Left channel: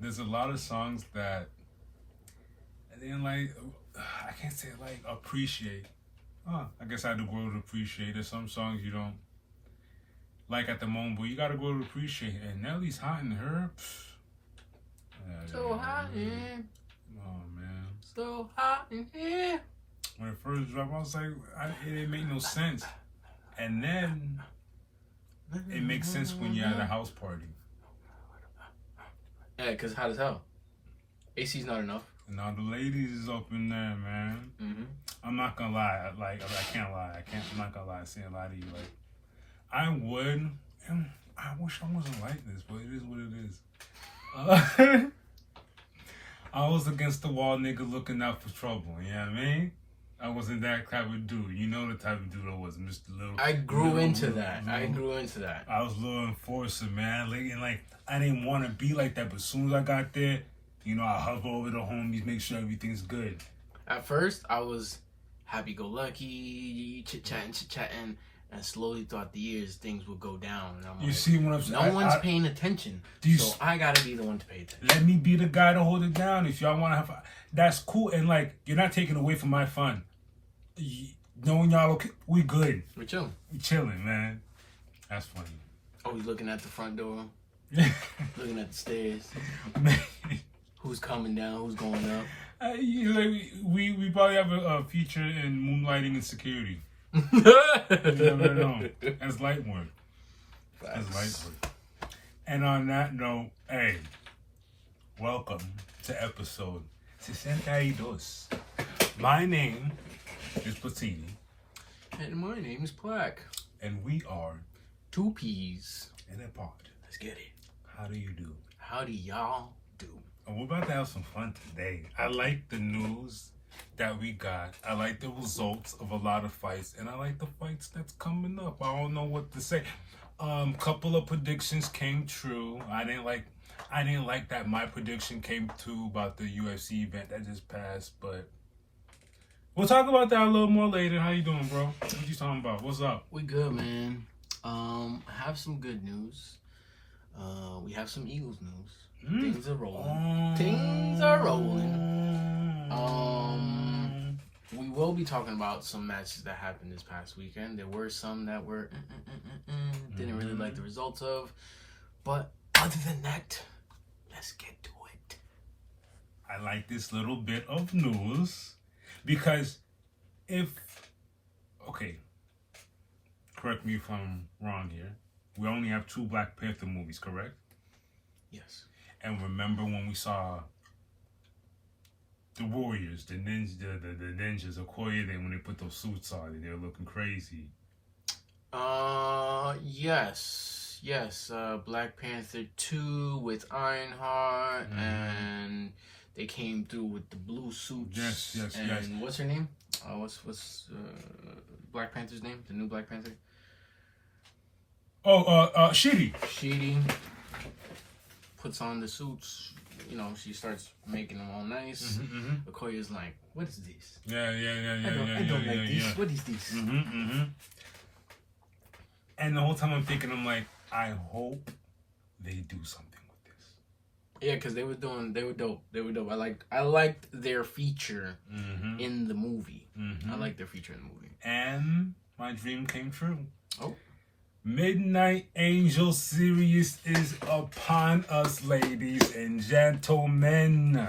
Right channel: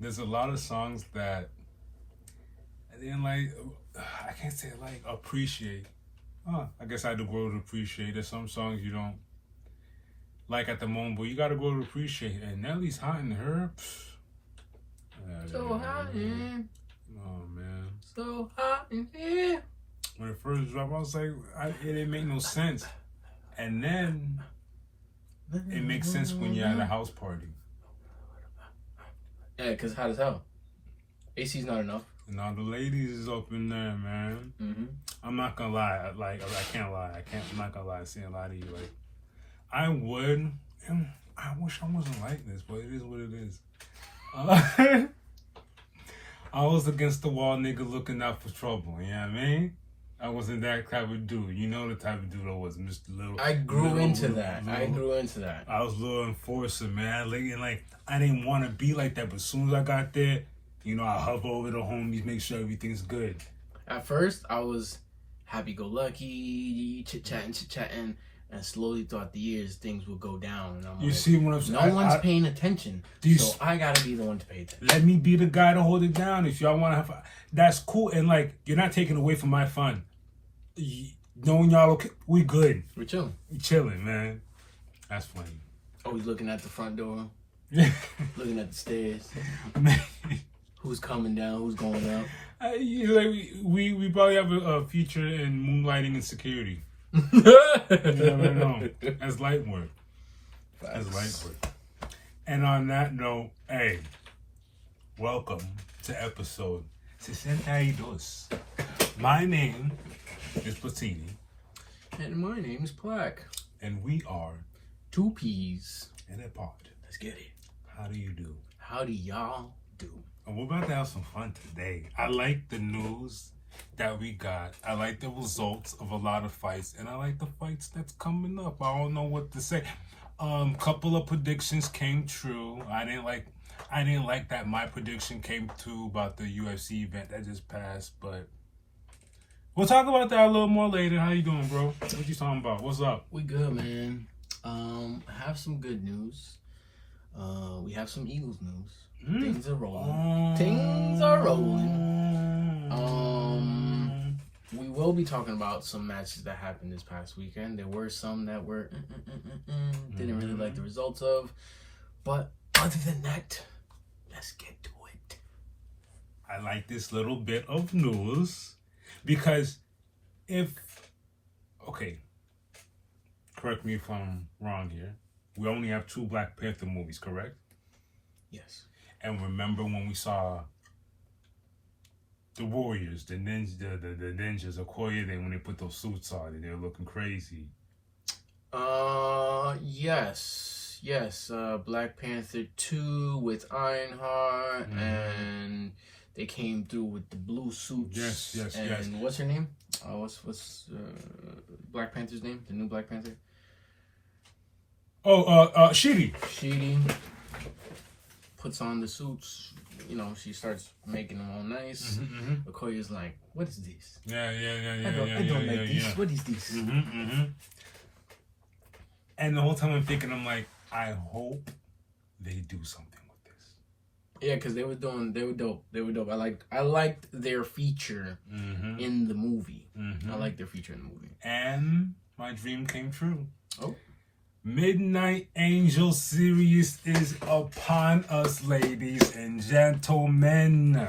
there's a lot of songs that I didn't like. I can't say like appreciate. I guess I had to grow to appreciate. There's some songs you don't like at the moment, but you gotta grow to appreciate. And Nelly's hot in her. So hot in. Oh man. So hot in here. When it first dropped, I was like, it didn't make no sense. And then it makes sense when you're at a house party. Yeah, because hot as hell. AC's not enough. Now the ladies is up in there, man. Mm-hmm. I'm not gonna lie. Like, I can't lie. I'm not gonna lie. Saying a lie to you. Like, I would. And I wish I wasn't like this, but it is what it is. I was against the wall nigga looking out for trouble. You know what I mean? I wasn't that type of dude. You know the type of dude I was, Mr. Little. I grew into little, that. Little, I grew into that. I was a little enforcer, man. Like, I didn't want to be like that, but as soon as I got there, you know, I hover over the homies, make sure everything's good. At first, I was happy-go-lucky, chit-chatting, and slowly throughout the years, things would go down. And I'm you see what I'm saying? No one's paying attention, so I gotta be the one to pay attention. Let me be the guy to hold it down. If y'all want to have, that's cool. And like, you're not taking away from my fun. Knowing y'all okay, we good. We're chilling. We chilling, man. That's funny. Always looking at the front door, looking at the stairs. Who's coming down? Who's going up? We probably have a feature in moonlighting and security. You never know. That's light work. That's light work. And on that note, hey, welcome to episode SESENTA. My name is Platini. And my name is Plaque. And we are Two Peas in a pod. Let's get it. How do you do? How do y'all do? And we're about to have some fun today. I like the news that we got. I like the results of a lot of fights. And I like the fights that's coming up. I don't know what to say. Couple of predictions came true. I didn't like that my prediction came true about the UFC event that just passed, but we'll talk about that a little more later. How you doing, bro? What you talking about? What's up? We good, man. I have some good news. We have some Eagles news. Things are rolling. Things are rolling. We will be talking about some matches that happened this past weekend. There were some that were didn't really like the results of, but other than that, let's get to it. I like this little bit of news because correct me if I'm wrong here, we only have 2 Black Panther movies, correct? Yes. And remember when we saw the Warriors, the ninjas, Okoye, when they put those suits on and they were looking crazy. Yes. Black Panther 2 with Ironheart, and they came through with the blue suits. Yes. And what's her name? What's Black Panther's name? The new Black Panther? Sheedy. Sheedy puts on the suits. You know, she starts making them all nice. Okoye's like, "What is this? Yeah. I don't like this. Yeah. What is this?" And the whole time I'm thinking, I'm like, I hope they do something with this. Yeah, because they were dope. I liked their feature in the movie. I liked their feature in the movie. And my dream came true. Oh. Midnight Angel series is upon us, ladies and gentlemen.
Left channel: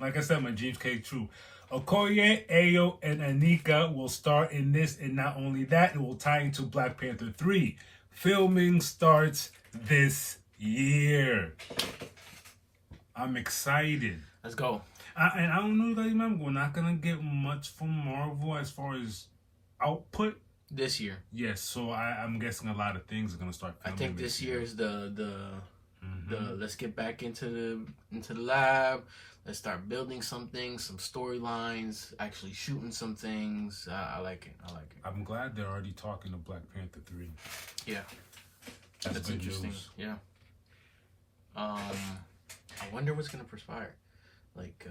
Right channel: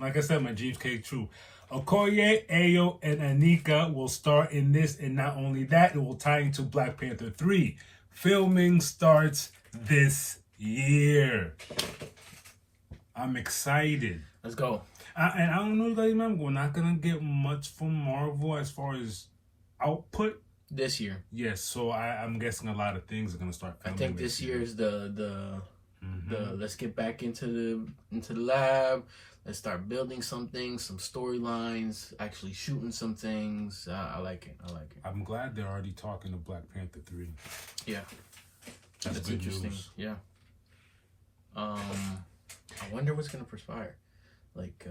Like I said, my dreams came true. Okoye, Ayo, and Anika will star in this, and not only that, it will tie into Black Panther 3. Filming starts this year. I'm excited. Let's go. And I don't know if you guys remember, we're not going to get much from Marvel as far as output. This year. Yes, so I'm guessing a lot of things are going to start filming. I think this year is the let's get back into the lab. Let's start building something, some storylines, actually shooting some things. I like it. I'm glad they're already talking to Black Panther 3. Yeah. That's good interesting. News. Yeah. I wonder what's gonna perspire. Like,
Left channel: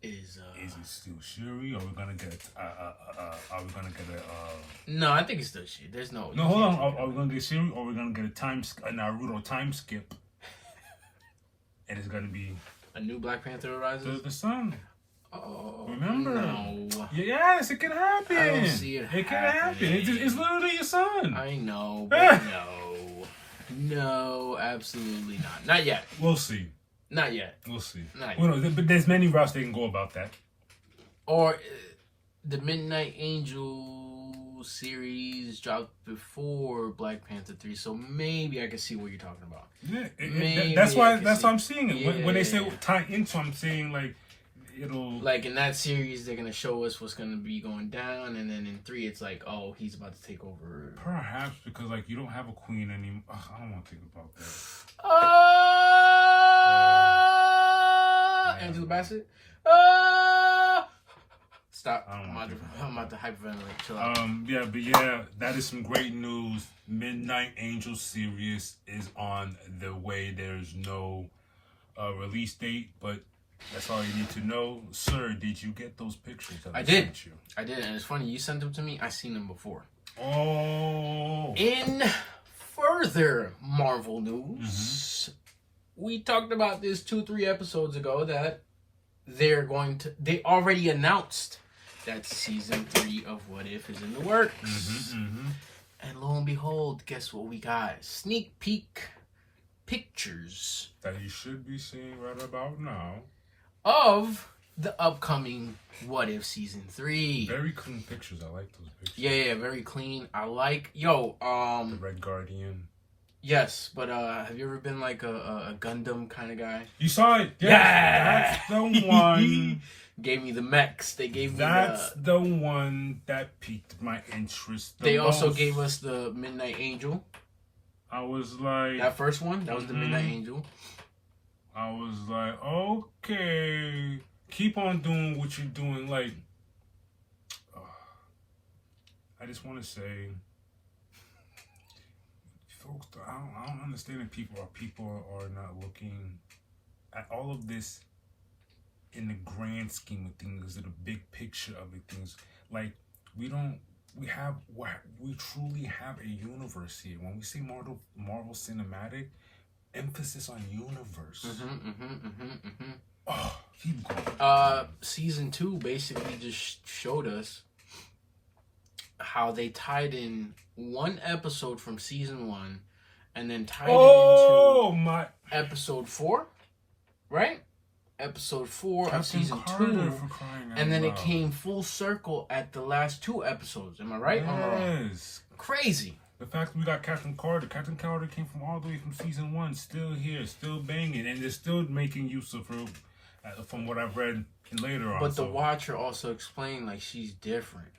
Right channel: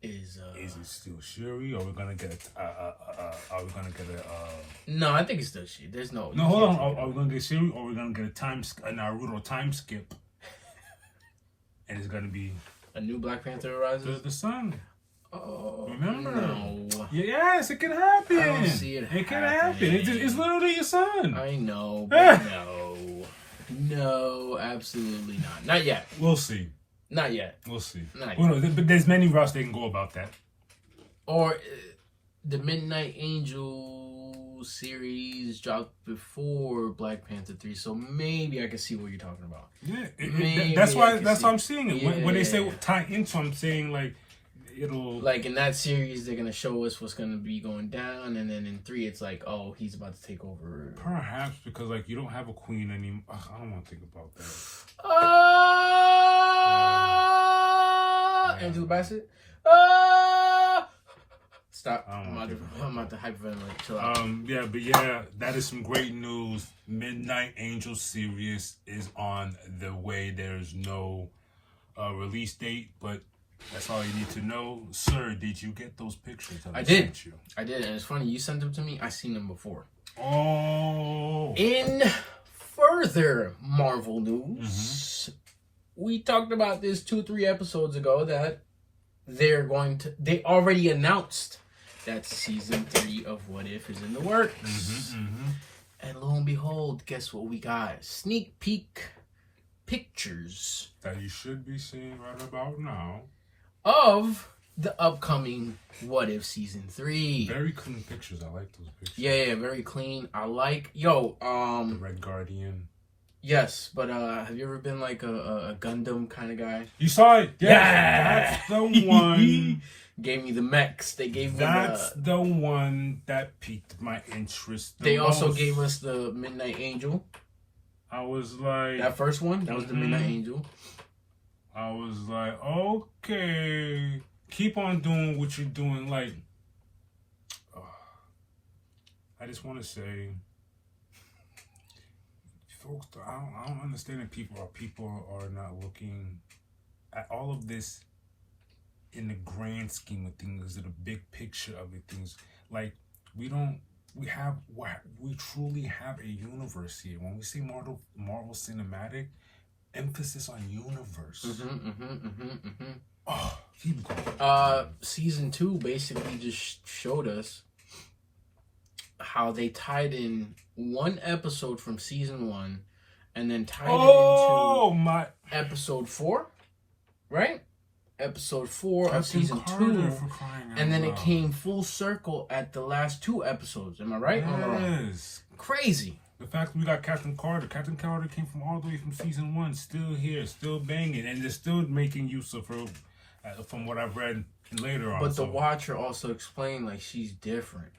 is it still Shuri, or are we gonna get No, I think it's still Shuri. There's no. No, hold on. Are we gonna get Shuri, or are we gonna get a Naruto time skip? and it's gonna be a new Black Panther arises. the son. Oh, Remember? No. Yes, it can happen. I don't see it It can happen. It's literally your son. I know, but no, absolutely not. Not yet. We'll see. Not yet. We'll see. Not yet. Well, no, but there's many routes they can go about that. Or the Midnight Angel series dropped before Black Panther 3, so maybe I can see what you're talking about. Yeah, that's why I'm seeing it. Yeah. When they say tie into, I'm saying like it'll like in that series they're gonna show us what's gonna be going down, and then in 3 it's like, oh, he's about to take over. Perhaps because like you don't have a queen anymore. I don't want to think about that. Angela Bassett. Stop. I'm about to hyperventilate. Chill out. Yeah, but yeah, that is some great news. Midnight Angel series is on the way. There's no release date, but that's all you need to know. Sir, did you get those pictures? I did. I did, and it's funny. You sent them to me. I seen them before. Oh. In further Marvel news, we talked about this 2-3 episodes ago that they already announced that season 3 of What If is in the works. And lo and behold, guess what we got? Sneak peek pictures that you should be seeing right about now of the upcoming What If season 3. Very clean pictures. I like those pictures. Yeah, very clean. I like the Red Guardian. Yes, but have you ever been like a Gundam kind of guy? You saw it? Yeah. That's the one. Gave me the mechs. They gave me That's the one that piqued my interest. They also gave us the Midnight Angel. I was like... That first one? That was the Midnight Angel. I was like, okay. Keep on doing what you're doing. Like, I just want to say... Folks, I don't understand if people are not looking at all of this in the grand scheme of things, in the big picture of the things. Like we truly have a universe here. When we say Marvel Cinematic, emphasis on universe. Oh, keep going. Season 2 basically just showed us how they tied in one episode from season 1 and then tied it into episode 4, right? Episode 4 of season 2, and then it came full circle at the last 2 episodes. Am I right? Yes. Crazy. The fact that we got Captain Carter. Captain Carter came from all the way from season 1, still here, still banging, and they're still making use of her, from what I've read later on. But the Watcher also explained like she's different.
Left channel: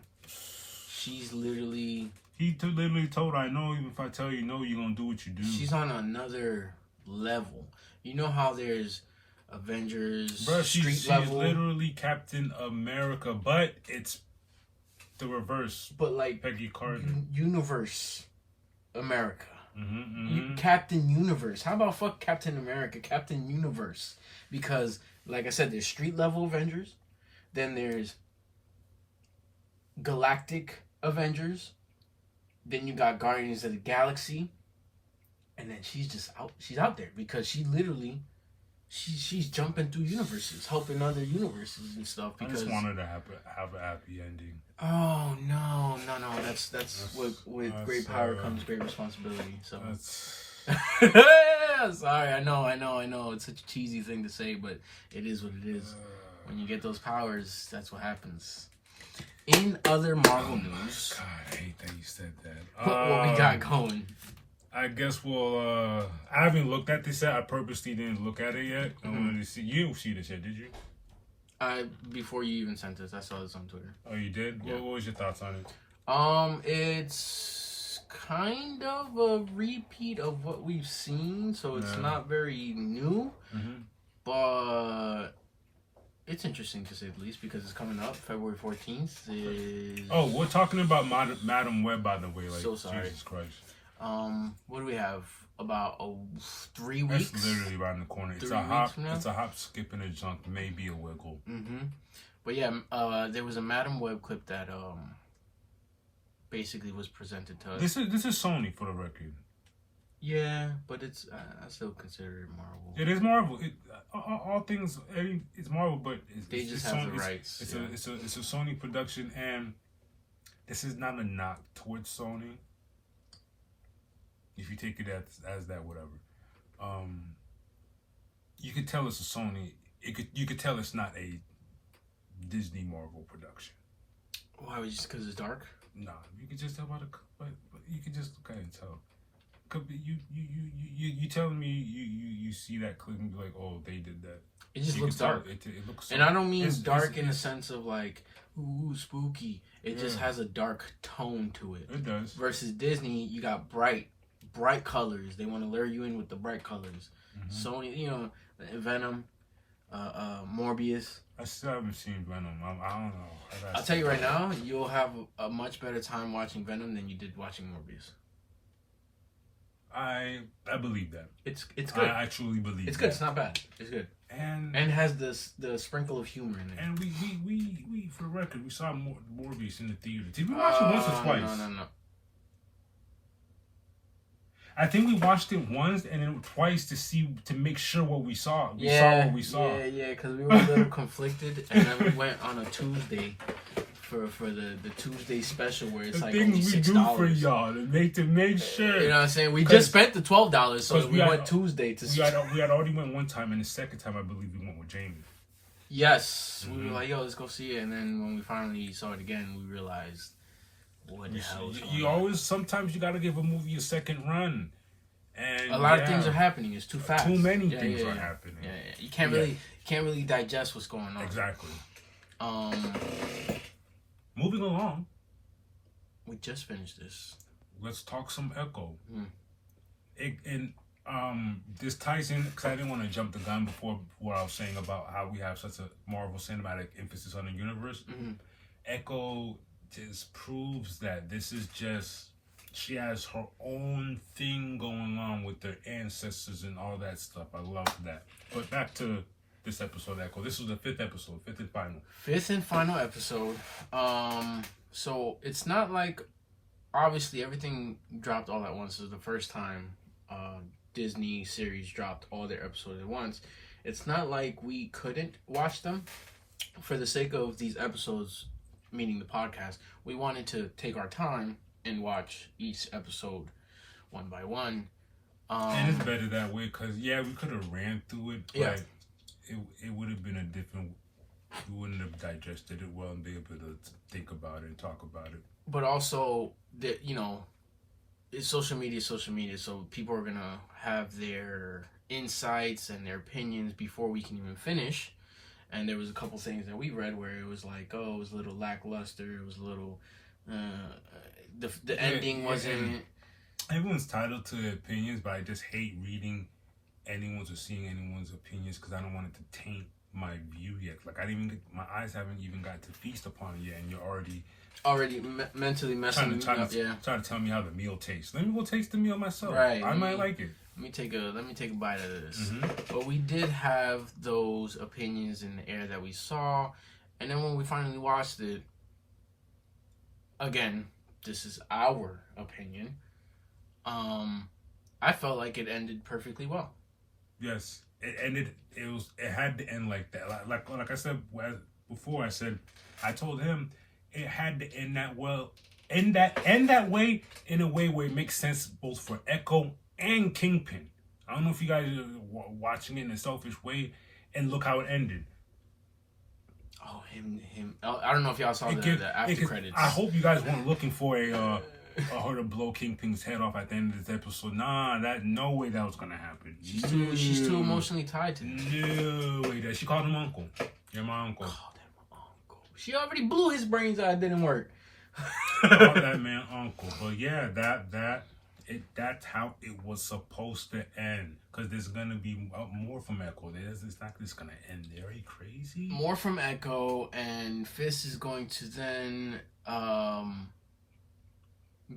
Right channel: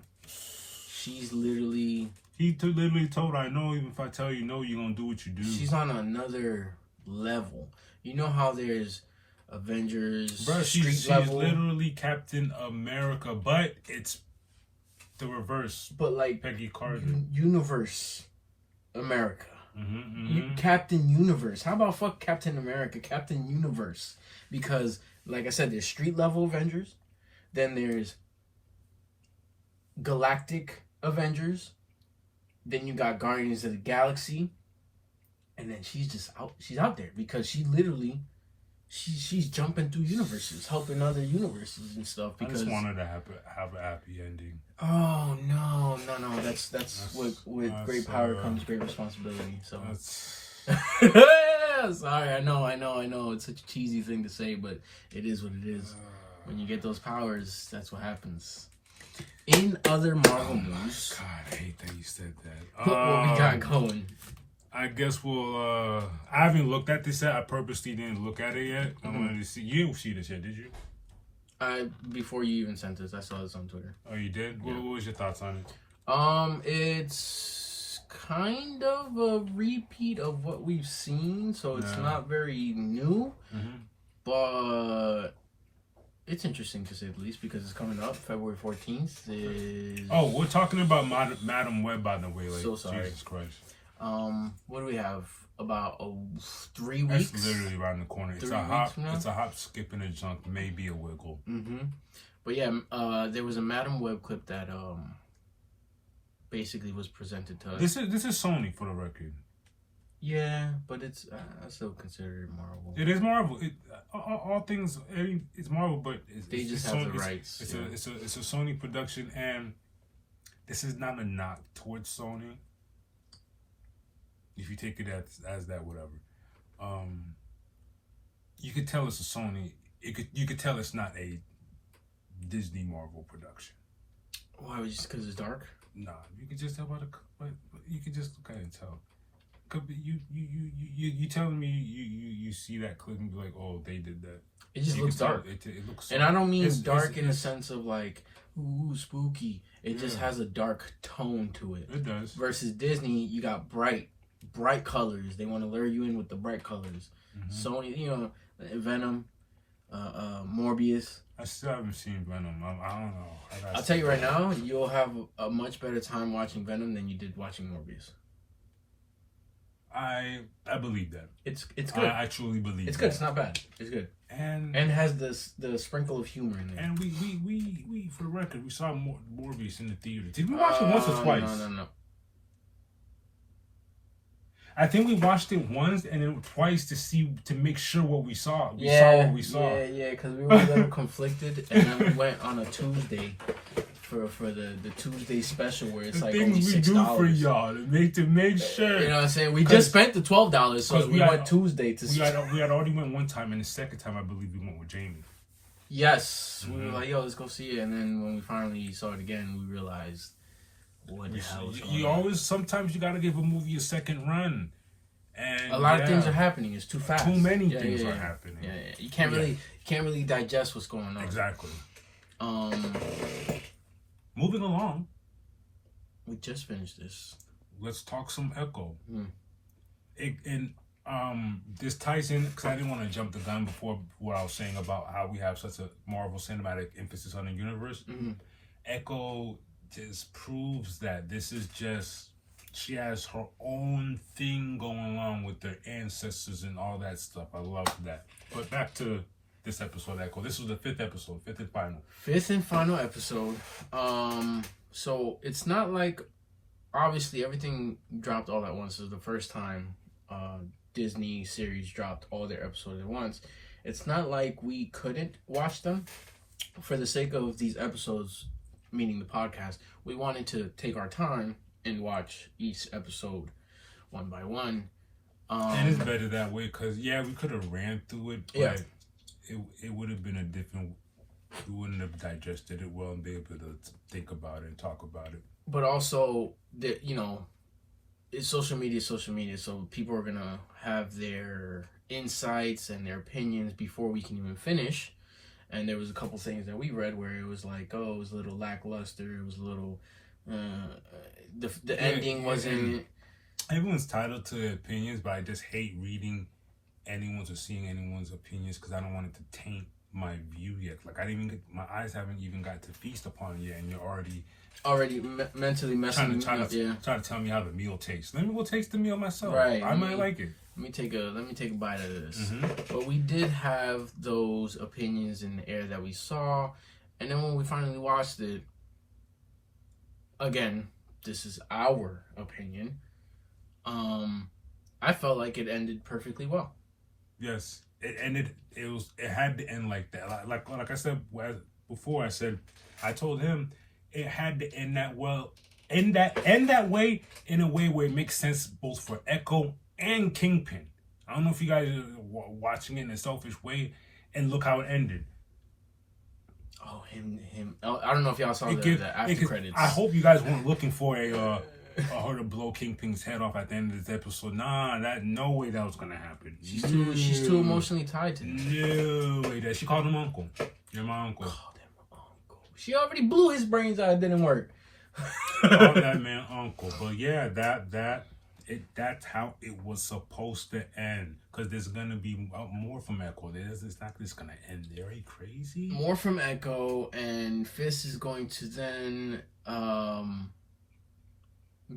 She's literally... He literally told her, I know even if I tell you no, you're going to do what you do. She's on another level. You know how there's Avengers, she's literally Captain America, but it's the reverse. But like Peggy Carter. Universe America. Captain Universe. How about fuck Captain America? Captain Universe. Because, like I said, there's street level Avengers. Then there's Galactic Avengers. Then you got Guardians of the Galaxy. And then she's out there because she literally she's jumping through universes, helping other universes and stuff. Because I just want her to have a happy ending. Oh no. That's with great power comes great responsibility. So sorry, I know. It's such a cheesy thing to say, but it is what it is. When you get those powers, that's what happens. In other Marvel news, God, I hate that you said that. What we got going? I guess we'll. I haven't looked at this yet. I purposely didn't look at it yet. I wanted to see. You didn't see this yet, did you? Before you even sent this, I saw this on Twitter. Oh, you did? Yeah. What was your thoughts on it? It's kind of a repeat of what we've seen, so it's not very new, but it's interesting to say the least because it's coming up February 14th. Oh, we're talking about Madam Web, by the way. Like, so sorry. Jesus Christ. What do we have? About 3 weeks? It's literally around the corner. It's a hop, skip, and a jump, maybe a wiggle. But yeah, there was a Madam Web clip that basically was presented to us. This is Sony, for the record. Yeah, but it's I still consider it Marvel. It is Marvel. All things, it's Marvel, but They just have the rights. It's a Sony production, and this is not a knock towards Sony. If you take it as that, whatever, you could tell it's a Sony. You could tell it's not a Disney Marvel production. Why? Just because it's dark? Nah, you could just tell by the, but you could just kind of tell. You telling me you see that clip and be like, oh, they did that. It just looks dark. It looks, and I don't mean dark in the sense of like, ooh, spooky. It just has a dark tone to it. It does. Versus Disney, you got bright colors. They want to lure you in with the bright colors. Sony, you know, Venom, Morbius. I still haven't seen Venom. I don't know. I'll tell you right now, you'll have a much better time watching Venom than you did watching Morbius. I believe that. It's good. I truly believe it's good. It's not bad. It's good. And has the sprinkle of humor in there. And we for the record, we saw Morbius in the theater. Did we watch it once or twice? No. I think we watched it once and then twice to make sure what we saw. We saw what we saw. Yeah, because we were a little conflicted, and then we went on a Tuesday for the Tuesday special where it's the like things only $6. we do for y'all to make sure. You know what I'm saying? We just spent the $12, so we went Tuesday to. We had already went one time, and the second time I believe we went with Jamie. Yes, we were like, yo, let's go see it, and then when we finally saw it again, we realized. What the hell is going on? Sometimes you gotta give a movie a second run. And a lot of things are happening. It's too fast. Too many things are happening. Yeah. You can't really digest what's going on. Exactly. Moving along. We just finished this. Let's talk some Echo. This ties in because I didn't want to jump the gun before what I was saying about how we have such a Marvel cinematic emphasis on the universe. Echo just proves that this is just, she has her own thing going on with their ancestors and all that stuff. I love that. But back to this episode, Echo. This was the fifth episode, fifth and final. Fifth and final episode. So it's not like, obviously everything dropped all at once. This is the first time Disney series dropped all their episodes at once. It's not like we couldn't watch them. For the sake of these episodes, meaning the podcast, we wanted to take our time and watch each episode one by one. And it's better that way because, we could have ran through it, but it would have been a different, we wouldn't have digested it well and be able to think about it and talk about it. But also, it's social media, so people are going to have their insights and their opinions before we can even finish. And there was a couple things that we read where it was like, oh, it was a little lackluster. It was a little, the ending wasn't. Everyone's entitled to their opinions, but I just hate reading anyone's or seeing anyone's opinions because I don't want it to taint my view yet. Like my eyes haven't even got to feast upon it yet, and you're already mentally messing me up. Trying to tell me how the meal tastes. Let me go taste the meal myself. Right. I might like it. Let me take a bite of this. But we did have those opinions in the air that we saw, and then when we finally watched it, again, this is our opinion. I felt like it ended perfectly well. Yes, it ended. It had to end like that. Like I said before. I told him it had to end that well. End that way in a way where it makes sense both for Echo and Kingpin. I don't know if you guys are watching it in a selfish way, and look how it ended. Oh, him. I don't know if y'all saw the after credits. I hope you guys weren't looking for her to blow Kingpin's head off at the end of this episode. No way that was gonna happen. She's too emotionally tied to him. No way that she called him uncle. You're my uncle. Called him uncle. She already blew his brains out. It didn't work. Called that man uncle. But yeah, that's how it was supposed to end. Because there's gonna be more from Echo. It's not just gonna end there. Are you crazy? More from Echo, and Fist is going to then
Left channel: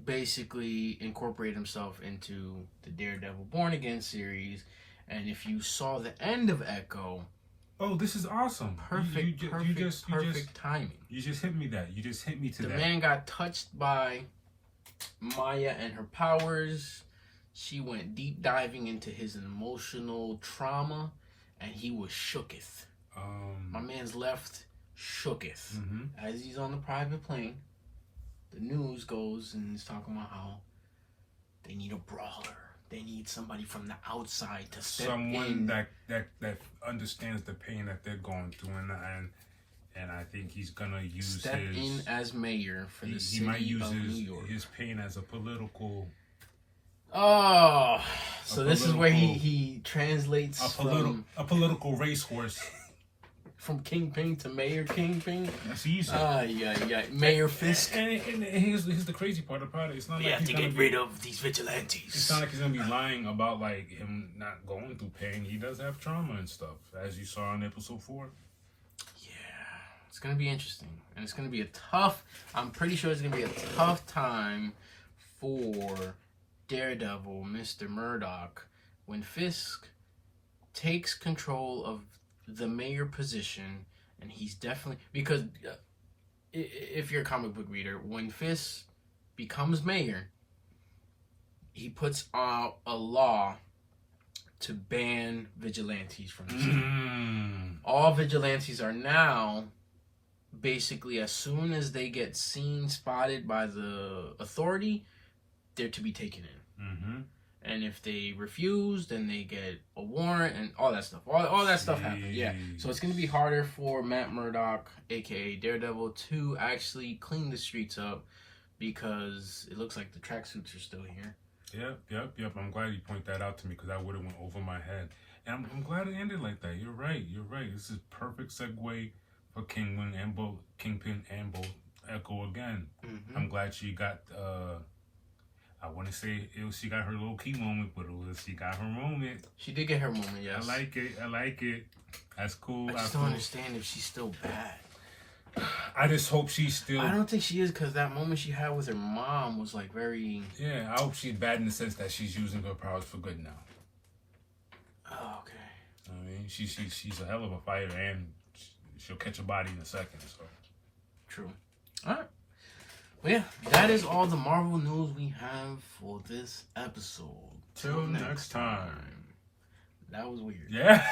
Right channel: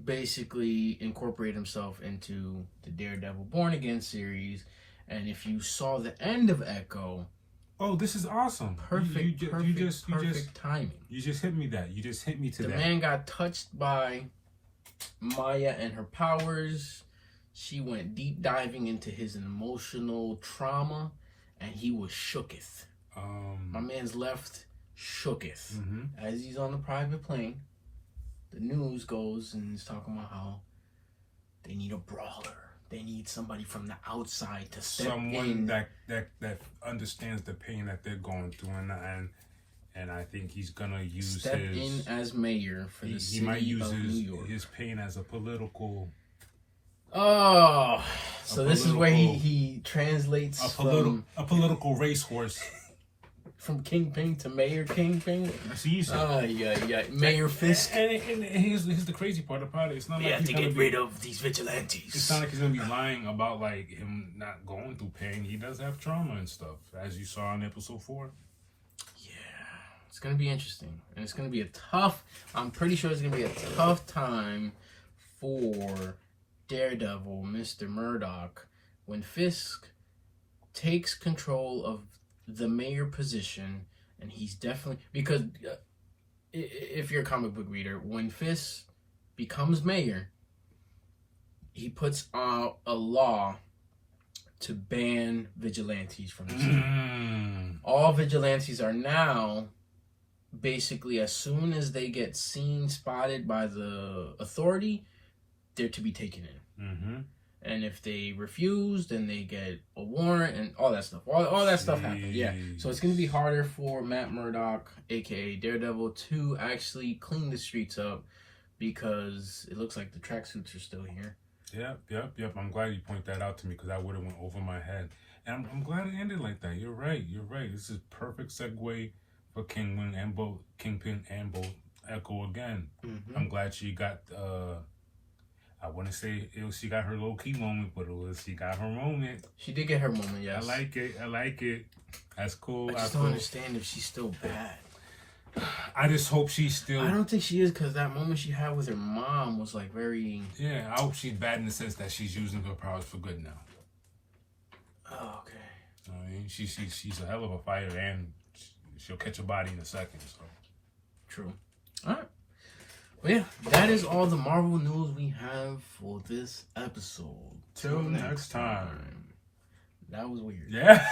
basically incorporate himself into the Daredevil Born Again series. And if you saw the end of Echo, oh, this is awesome! Perfect timing. You just hit me that. You just hit me to that. The man got touched by Maya and her powers. she went deep diving into his emotional trauma, and he was shooketh. My man's left shooketh. As he's on the private plane, the news goes and is talking about how they need a brawler. They need somebody from the outside to step in. That understands the pain that they're going through, and I think he's gonna use in as mayor for the city might use of New York. His pain as a political. Oh, so this is where he translates a political racehorse. From Kingpin to Mayor Kingpin. That's easy. Yeah. Mayor Fisk. And here's the crazy part about it. It's not we like have to get rid of these vigilantes. It's not like he's gonna be lying about like him not going through pain. He does have trauma and stuff, as you saw in episode 4. Yeah, it's gonna be interesting, and it's gonna be I'm pretty sure it's gonna be a tough time for Daredevil, Mr. Murdoch, when Fisk takes control of the mayor position, and he's definitely, because if you're a comic book reader, when Fisk becomes mayor, he puts out a law to ban vigilantes from the city. All vigilantes are now basically, as soon as they get seen, spotted by the authority, they're to be taken in. And if they refuse, then they get a warrant and all that stuff. All that stuff happens. Yeah. So it's going to be harder for Matt Murdock, a.k.a. Daredevil, to actually clean the streets up, because it looks like the tracksuits are still here. Yep. I'm glad you pointed that out to me, because I would have went over my head. And I'm glad it ended like that. You're right. This is perfect segue for Kingpin and both Echo again. I'm glad she got... I want to say she got her low key moment, but she got her moment. She did get her moment, yes. I like it. That's cool. I just don't understand if she's still bad. I just hope she's still... I don't think she is, because that moment she had with her mom was like very... Yeah, I hope she's bad in the sense that she's using her powers for good now. Oh, okay. I mean, she's a hell of a fighter, and she'll catch a body in a second. So true. All right. Well, yeah, that is all the Marvel news we have for this episode. Till next time. That was weird. Yeah.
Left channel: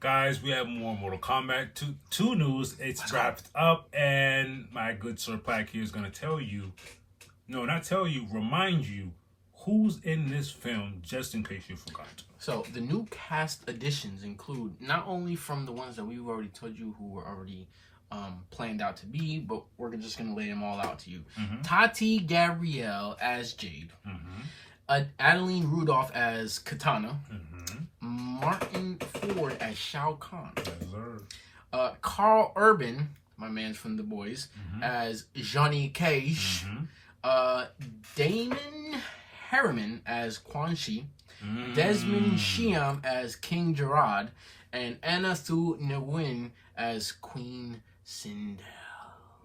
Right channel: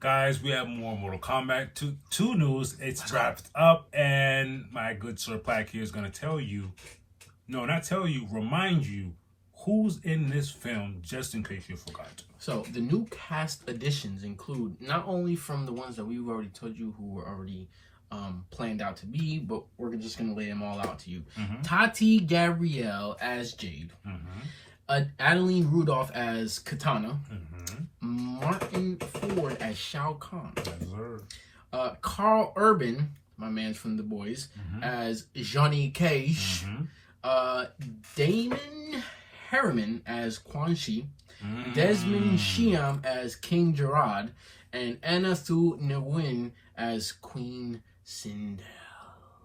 Guys, we have more Mortal Kombat 2 news. It's wrapped up, and my good Sir Plaque here is going to remind you who's in this film, just in case you forgot. So, the new cast additions include, not only from the ones that we've already told you who were already planned out to be, but we're just going to lay them all out to you. Tati Gabrielle as Jade. Adeline Rudolph as Katana. Martin Ford as Shao Kahn. Carl Urban, my man from The Boys, as Johnny Cage. Damon Harriman as Quan Chi. Desmond Chiam as King Gerard. And Anna Thu Nguyen as Queen Sindel.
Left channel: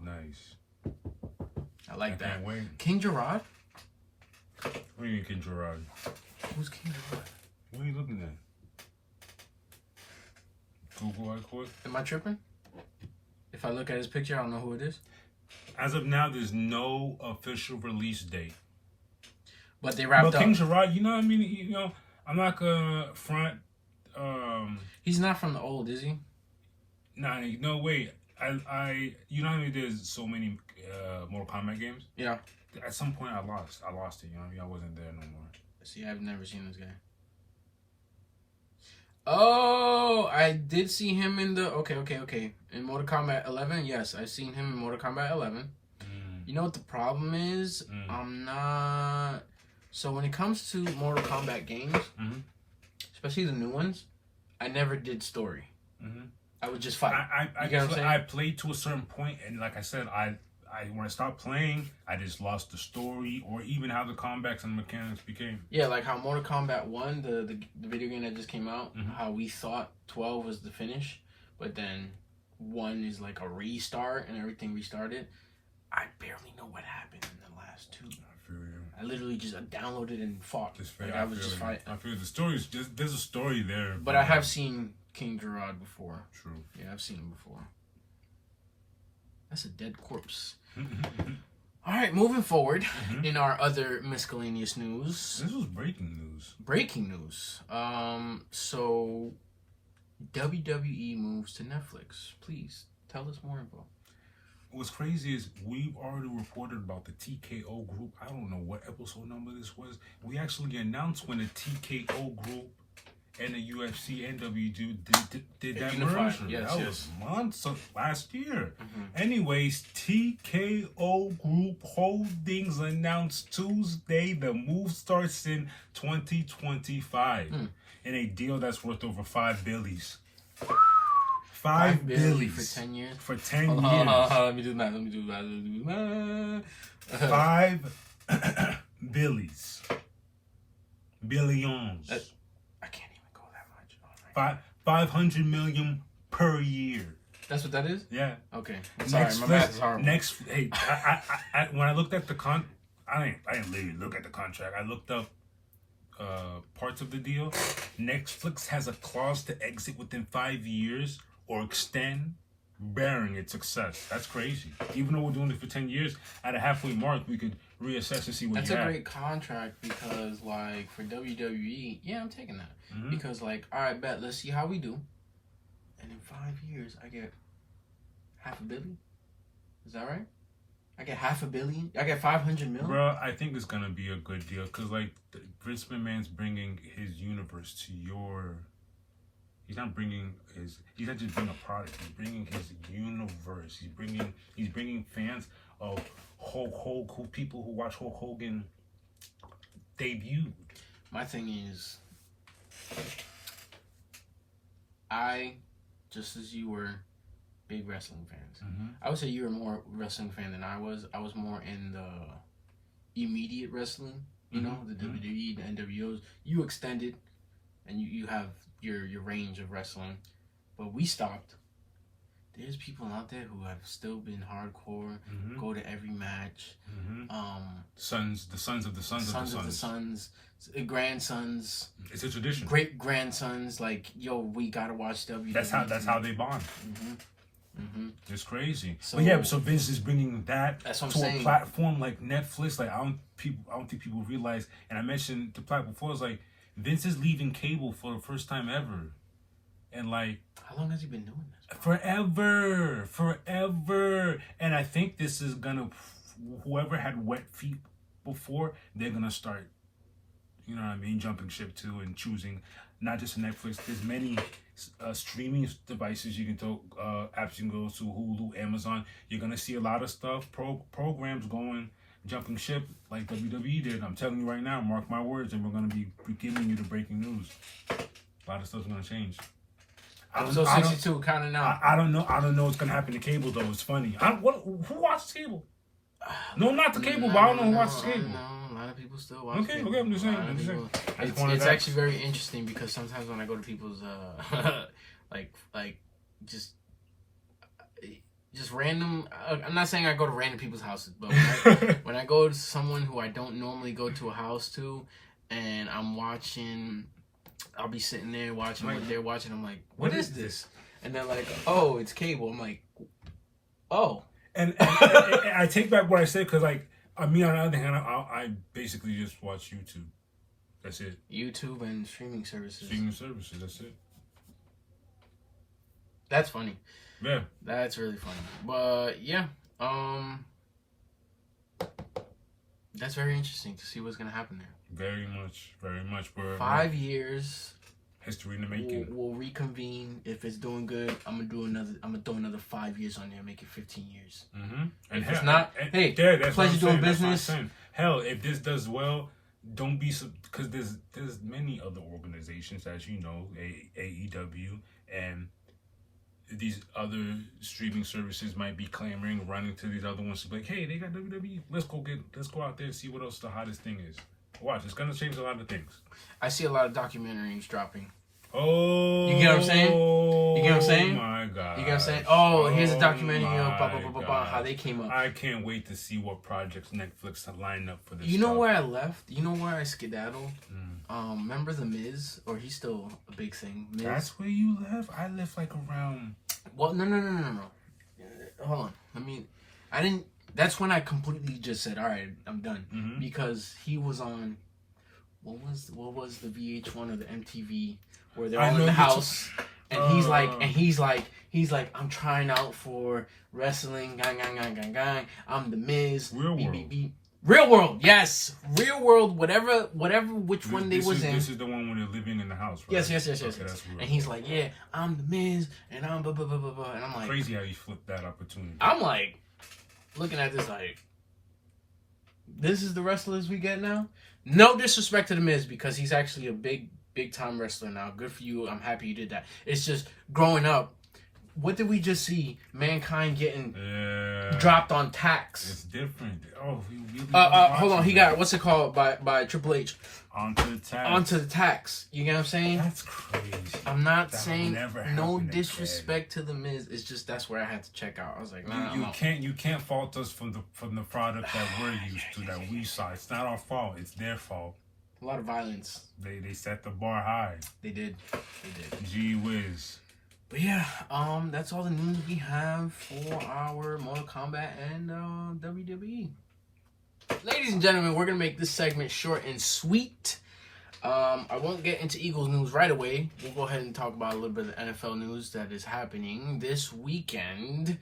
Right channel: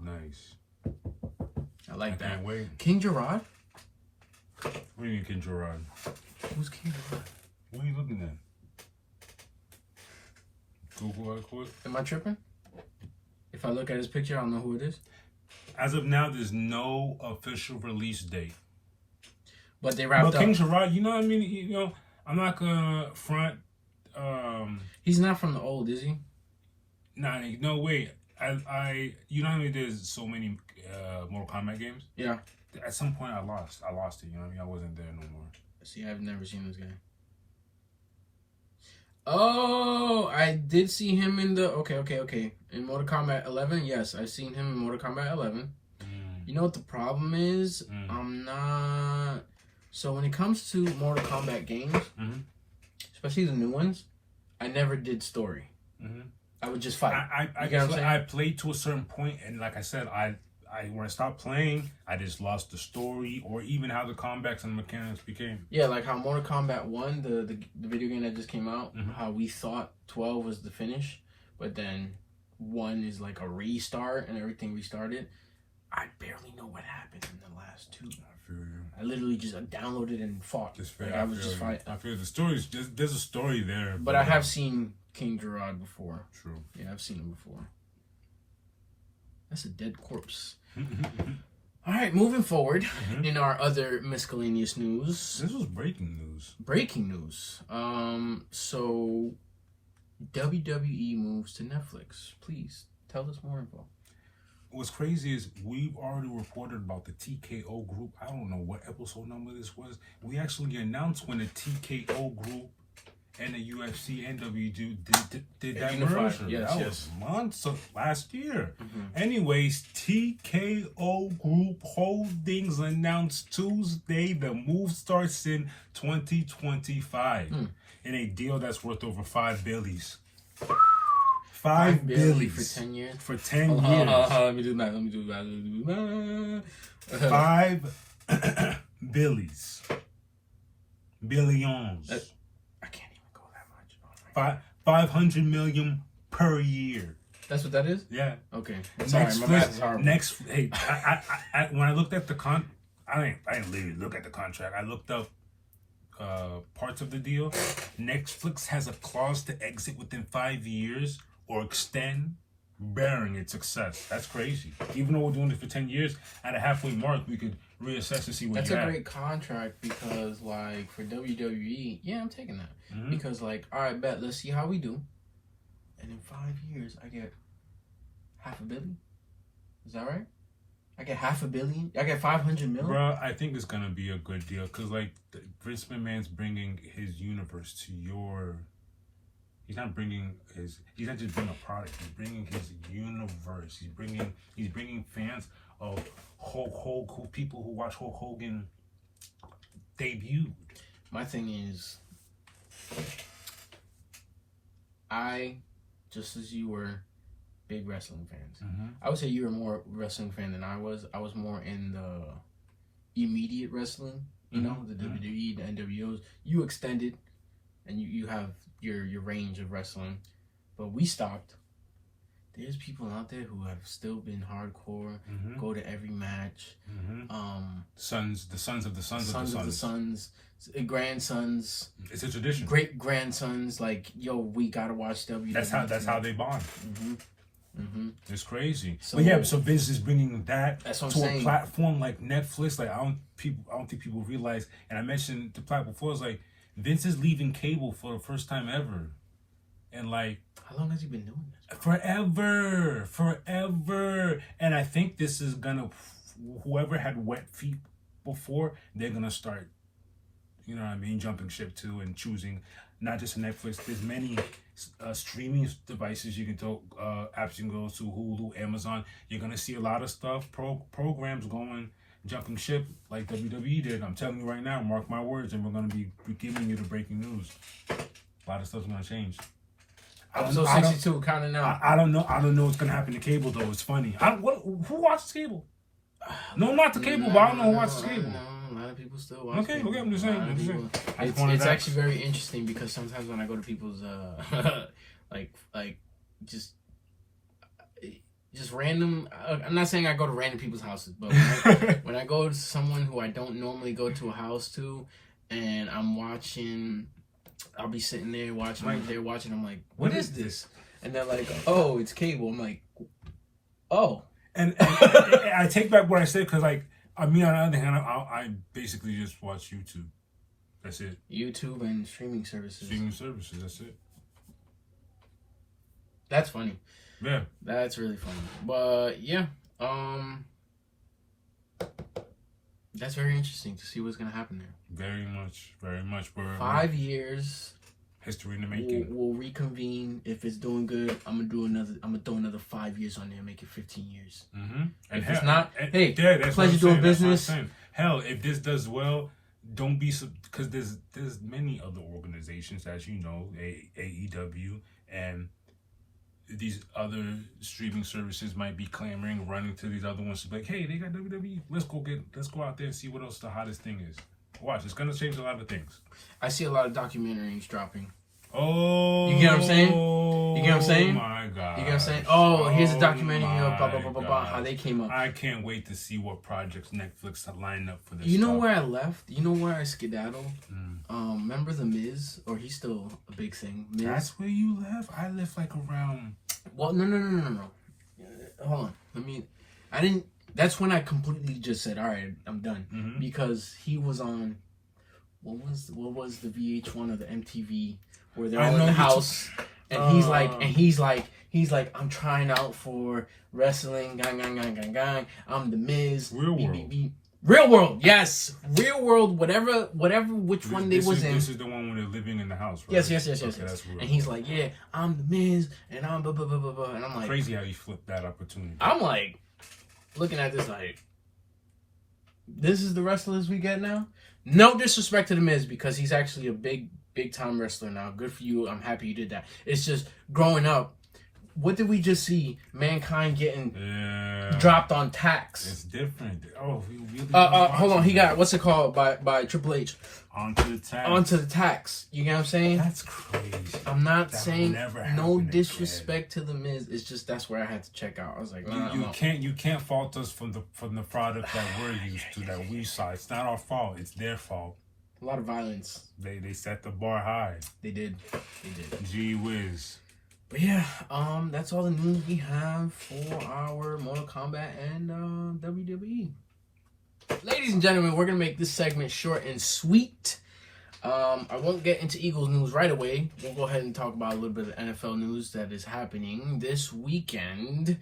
Nice. I like that. Can't wait. King Gerard? What do you mean, King Gerard? Who's King Gerard? What are you looking at? Google quick. Am I tripping? If I look at his picture, I don't know who it is. As of now, there's no official release date. But they wrapped up. King Gerard, you know what I mean? I'm not gonna front. He's not from the old, is he? Nah, no, wait. You know how there's so many Mortal Kombat games? Yeah. At some point, I lost it. You know what I mean? I wasn't there no more. See, I've never seen this guy. Oh, I did see him in the... Okay. In Mortal Kombat 11, yes. I've seen him in Mortal Kombat 11. You know what the problem is? I'm not... So when it comes to Mortal Kombat games, especially the new ones, I never did story. I would just fight. I played to a certain point, and like I said, when I stopped playing, I just lost the story or even how the combats and mechanics became. Yeah, like how Mortal Kombat 1, the video game that just came out, how we thought 12 was the finish, but then 1 is like a restart and everything restarted. I barely know what happened in the last 2. I feel you. I literally just downloaded and fought. I was just fighting. I feel the story's there's a story there. But I have seen King Gerard before. True. Yeah, I've seen him before. That's a dead corpse. All right, moving forward in our other miscellaneous news. This was breaking news. Breaking news. So WWE moves to Netflix. Please tell us more info. What's crazy is we've already reported about the TKO group. I don't know what episode number this was. We actually announced when the TKO group and the UFC and WWE did that merger. Yes, that was months of last year. Anyways, TKO Group Holdings announced Tuesday the move starts in 2025 in a deal that's worth over $5 billion. $5 billion for 10 years. For 10 years. Let me do that. $5 billions. Billions. I can't even go that much. 500 million per year. That's what that is? Yeah. Okay. Sorry, my math is horrible. Hey, I when I looked at the I didn't literally look at the contract. I looked up parts of the deal. Netflix has a clause to exit within 5 years or extend, bearing its success. That's crazy. Even though we're doing this for 10 years, at a halfway mark, we could reassess and see what That's you a have. great contract because, like, for WWE, yeah, I'm taking that. Because, like, all right, bet, let's see how we do. And in 5 years, I get $500 million. Is that right? I get $500 million. I get 500 million. Bro, I think it's gonna be a good deal because, like, Vince McMahon's bringing his universe to your. He's not just bringing a product. He's bringing his universe. He's bringing fans of Hulk Hogan, people who watch Hulk Hogan debuted. My thing is, I, just as you were, big wrestling fans. I would say you were more wrestling fan than I was. I was more in the immediate wrestling, you know, the WWE, the NWOs. You extended, and you have your range of wrestling, but we stopped. There's people out there who have still been hardcore, go to every match. The sons of the sons, grandsons. It's a tradition. Great grandsons, like, yo, we gotta watch WWE. That's how they bond. It's crazy. So, but yeah, so Vince is bringing that that's what to I'm a saying. platform like Netflix. Like I don't think people realize. And I mentioned the platform before. It's like Vince is leaving cable for the first time ever, and like how long has he been doing this? Forever. And I think this is gonna. Whoever had wet feet before, they're gonna start. You know what I mean? Jumping ship too and choosing not just Netflix. There's many streaming devices you can apps you can go to, Hulu, Amazon. You're gonna see a lot of stuff, programs going, jumping ship like WWE did. I'm telling you right now, mark my words, and we're gonna be giving you the breaking news. A lot of stuff's gonna change. Episode 62, counting out. I don't know what's gonna happen to cable though. It's funny. Who watches cable? No, not the cable, but I don't know who watches cable. A lot of people still watch Okay, cable. I'm just saying. It's actually very interesting because sometimes when I go to people's like just random. I'm not saying I go to random people's houses, but when I go to someone who I don't normally go to a house to, and I'm watching, I'll be sitting there watching what they're watching. I'm like, what is this? And they're like, oh, it's cable. I'm like, oh. And I take back what I said because, like, me on the other hand, I basically just watch YouTube. That's it. YouTube and streaming services. That's it. That's funny. Yeah. That's really funny. But yeah, that's very interesting to see what's gonna happen there. Very much. We're 5 years. History in the making. We'll reconvene. If it's doing good, I'm gonna throw another 5 years on there, make it 15 years. And if it's not, hey, that's pleasure doing business. Hell, if this does well, don't be because there's many other organizations, as you know, AEW, and these other streaming services might be clamoring, running to these other ones to be like, hey, they got WWE. Let's go out there and see what else the hottest thing is. Watch, it's gonna change a lot of things. I see a lot of documentaries dropping. Oh, you get what I'm saying? You get what I'm saying? Oh my god! You get what I'm saying? Oh, here's a documentary of blah blah blah blah blah. How they came up. I can't wait to see what projects Netflix have lined up for this. You know where I left? You know where I skedaddled? Remember the Miz? Or he's still a big thing. Miz? That's where you left. I left like around. Well, no. Hold on. I didn't. That's when I completely just said, all right, I'm done. Mm-hmm. Because he was on, what was the VH1 or the MTV where they're all in the house, and he's like, I'm trying out for wrestling, gang. I'm the Miz. Real World. Real World, yes. Real World, whatever, which one they was in. This is the one where they're living in the house, right? Yes. And he's like, yeah, I'm the Miz, and I'm blah, blah, blah, blah, blah. And I'm like... Crazy how you flipped that opportunity. I'm like, looking at this like, this is the wrestlers we get now? No disrespect to the Miz, because he's actually a big time wrestler now. Good for you. I'm happy you did that. It's just, growing up, what did we just see? Mankind getting dropped on tacks. It's different. Oh, he really. Hold on. He got, what's it called by Triple H? Onto the tacks. You get what I'm saying? That's crazy. I'm not saying no disrespect to the Miz. It's just that's where I had to check out. I was like, nah, you can't fault us from the product that we're used to, that we saw. It's not our fault. It's their fault. A lot of violence. They set the bar high. They did. Gee whiz. But yeah, that's all the news we have for our Mortal Kombat and WWE. Ladies and gentlemen, we're going to make this segment short and sweet. I won't get into Eagles news right away. We'll go ahead and talk about a little bit of NFL news that is happening this weekend.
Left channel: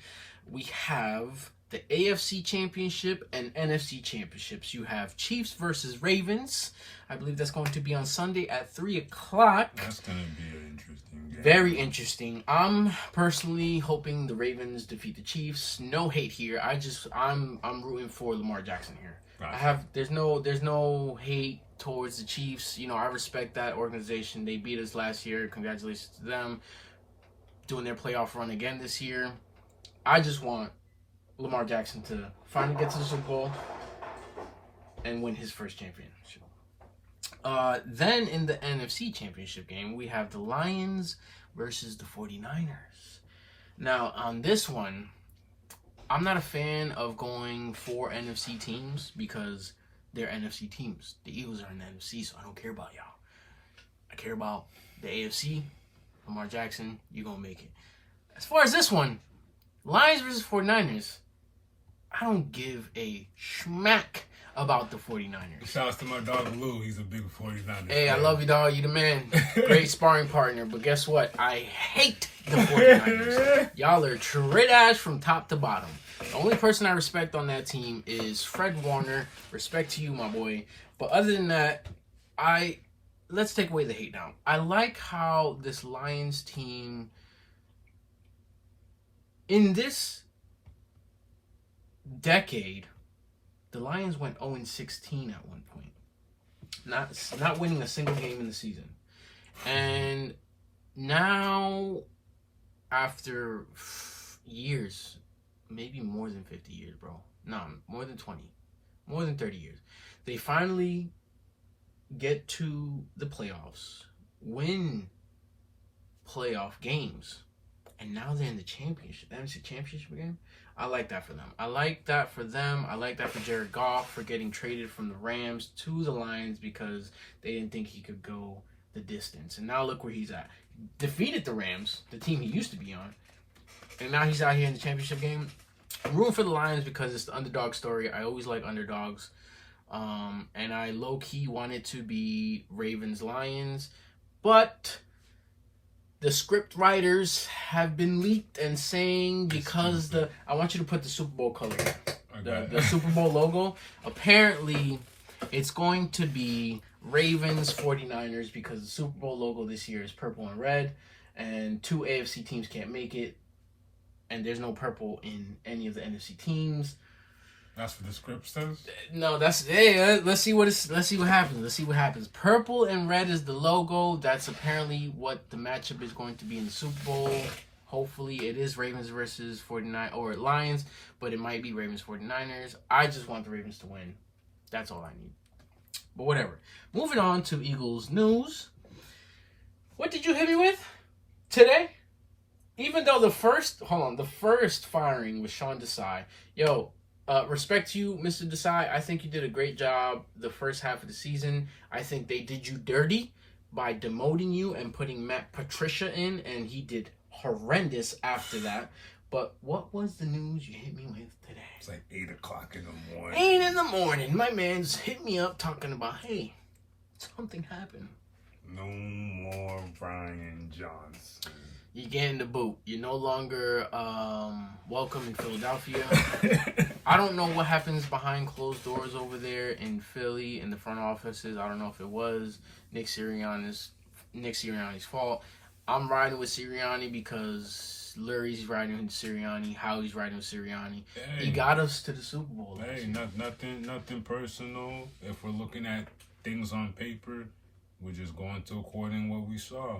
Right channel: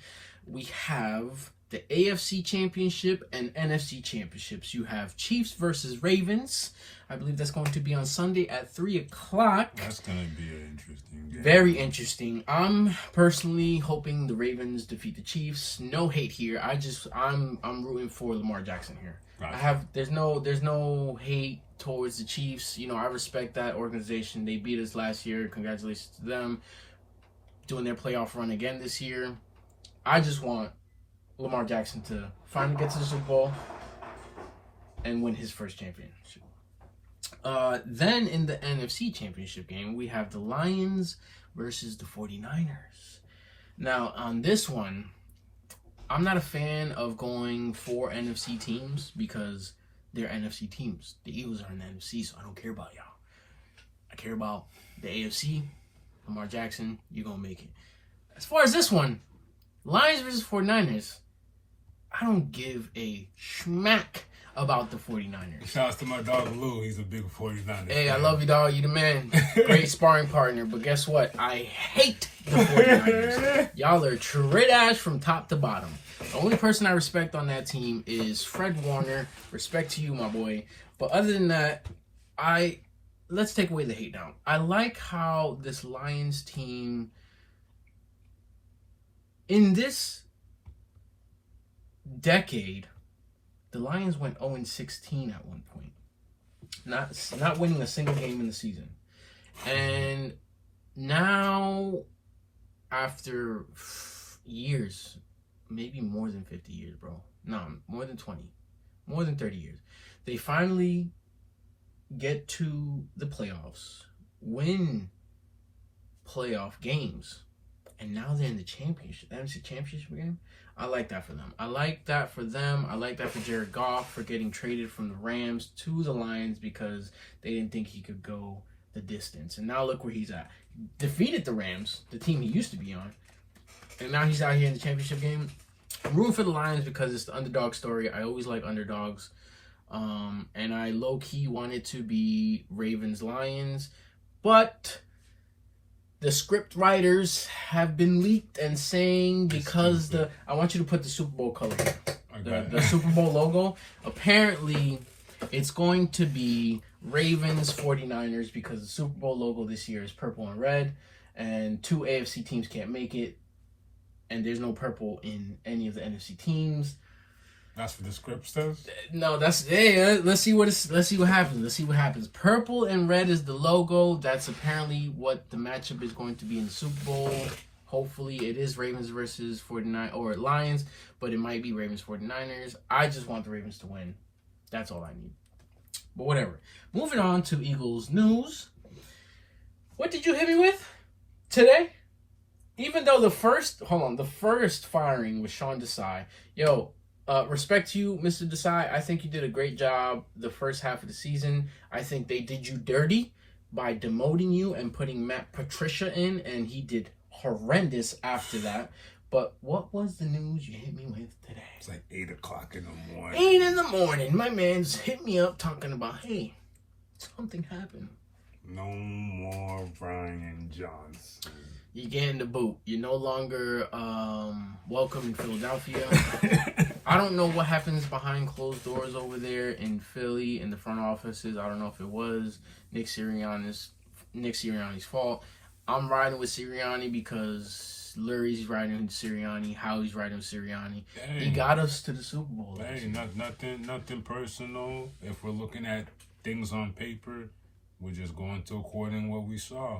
We have the AFC Championship and NFC Championships. You have Chiefs versus Ravens. I believe that's going to be on Sunday at 3 o'clock. That's going to be an interesting game. Very interesting. I'm personally hoping the Ravens defeat the Chiefs. No hate here. I'm rooting for Lamar Jackson here. Gotcha. There's no hate towards the Chiefs. You know, I respect that organization. They beat us last year. Congratulations to them. Doing their playoff run again this year. I just want Lamar Jackson to finally get to the Super Bowl and win his first championship. Then in the NFC Championship game, we have the Lions versus the 49ers. Now, on this one, I'm not a fan of going for NFC teams because they're NFC teams. The Eagles are in the NFC, so I don't care about y'all. I care about the AFC. Lamar Jackson, you're going to make it. As far as this one, Lions versus 49ers, I don't give a schmack about the 49ers. Shouts to my dog Lou. He's a big 49ers Hey, fan. I love you, dog. You the man. Great sparring partner. But guess what? I hate the 49ers. Y'all are trash from top to bottom. The only person I respect on that team is Fred Warner. Respect to you, my boy. But other than that, let's take away the hate now. I like how this Lions team, in this decade, the Lions went 0-16 at one point. Not winning a single game in the season. And now, after years, maybe more than 50 years, bro. No, more than 20. More than 30 years. They finally get to the playoffs, win playoff games, and now they're in the championship. That is a championship game. I like that for them. I like that for Jared Goff for getting traded from the Rams to the Lions because they didn't think he could go the distance. And now look where he's at. Defeated the Rams, the team he used to be on. And now he's out here in the championship game. I'm rooting for the Lions because it's the underdog story. I always like underdogs. And I low-key wanted to be Ravens-Lions. But the script writers have been leaked and saying because I want you to put the Super Bowl color here. The Super Bowl logo. Apparently, it's going to be Ravens 49ers because the Super Bowl logo this year is purple and red. And 2 AFC teams can't make it. And there's no purple in any of the NFC teams. That's what the script says? No, let's see what happens. Purple and red is the logo. That's apparently what the matchup is going to be in the Super Bowl. Hopefully it is Ravens versus 49 or Lions, but it might be Ravens 49ers. I just want the Ravens to win. That's all I need. But whatever. Moving on to Eagles news. What did you hit me with today? Even though the first firing was Sean Desai. Yo, respect to you, Mr. Desai. I think you did a great job the first half of the season. I think they did you dirty by demoting you and putting Matt Patricia in, and he did horrendous after that. But what was the news you hit me with today? It's like 8 o'clock in the morning. 8 in the morning. My man's hit me up talking about, hey, something happened. No more Brian Johnson. You're getting the boot. You're no longer welcome in Philadelphia. I don't know what happens behind closed doors over there in Philly in the front offices. I don't know if it was Nick Sirianni's fault. I'm riding with Sirianni because Lurie's riding with Sirianni. Howie's riding with Sirianni. Hey, he got us to the Super Bowl. Hey, nothing personal. If we're looking at things on paper, we're just going to according what we saw.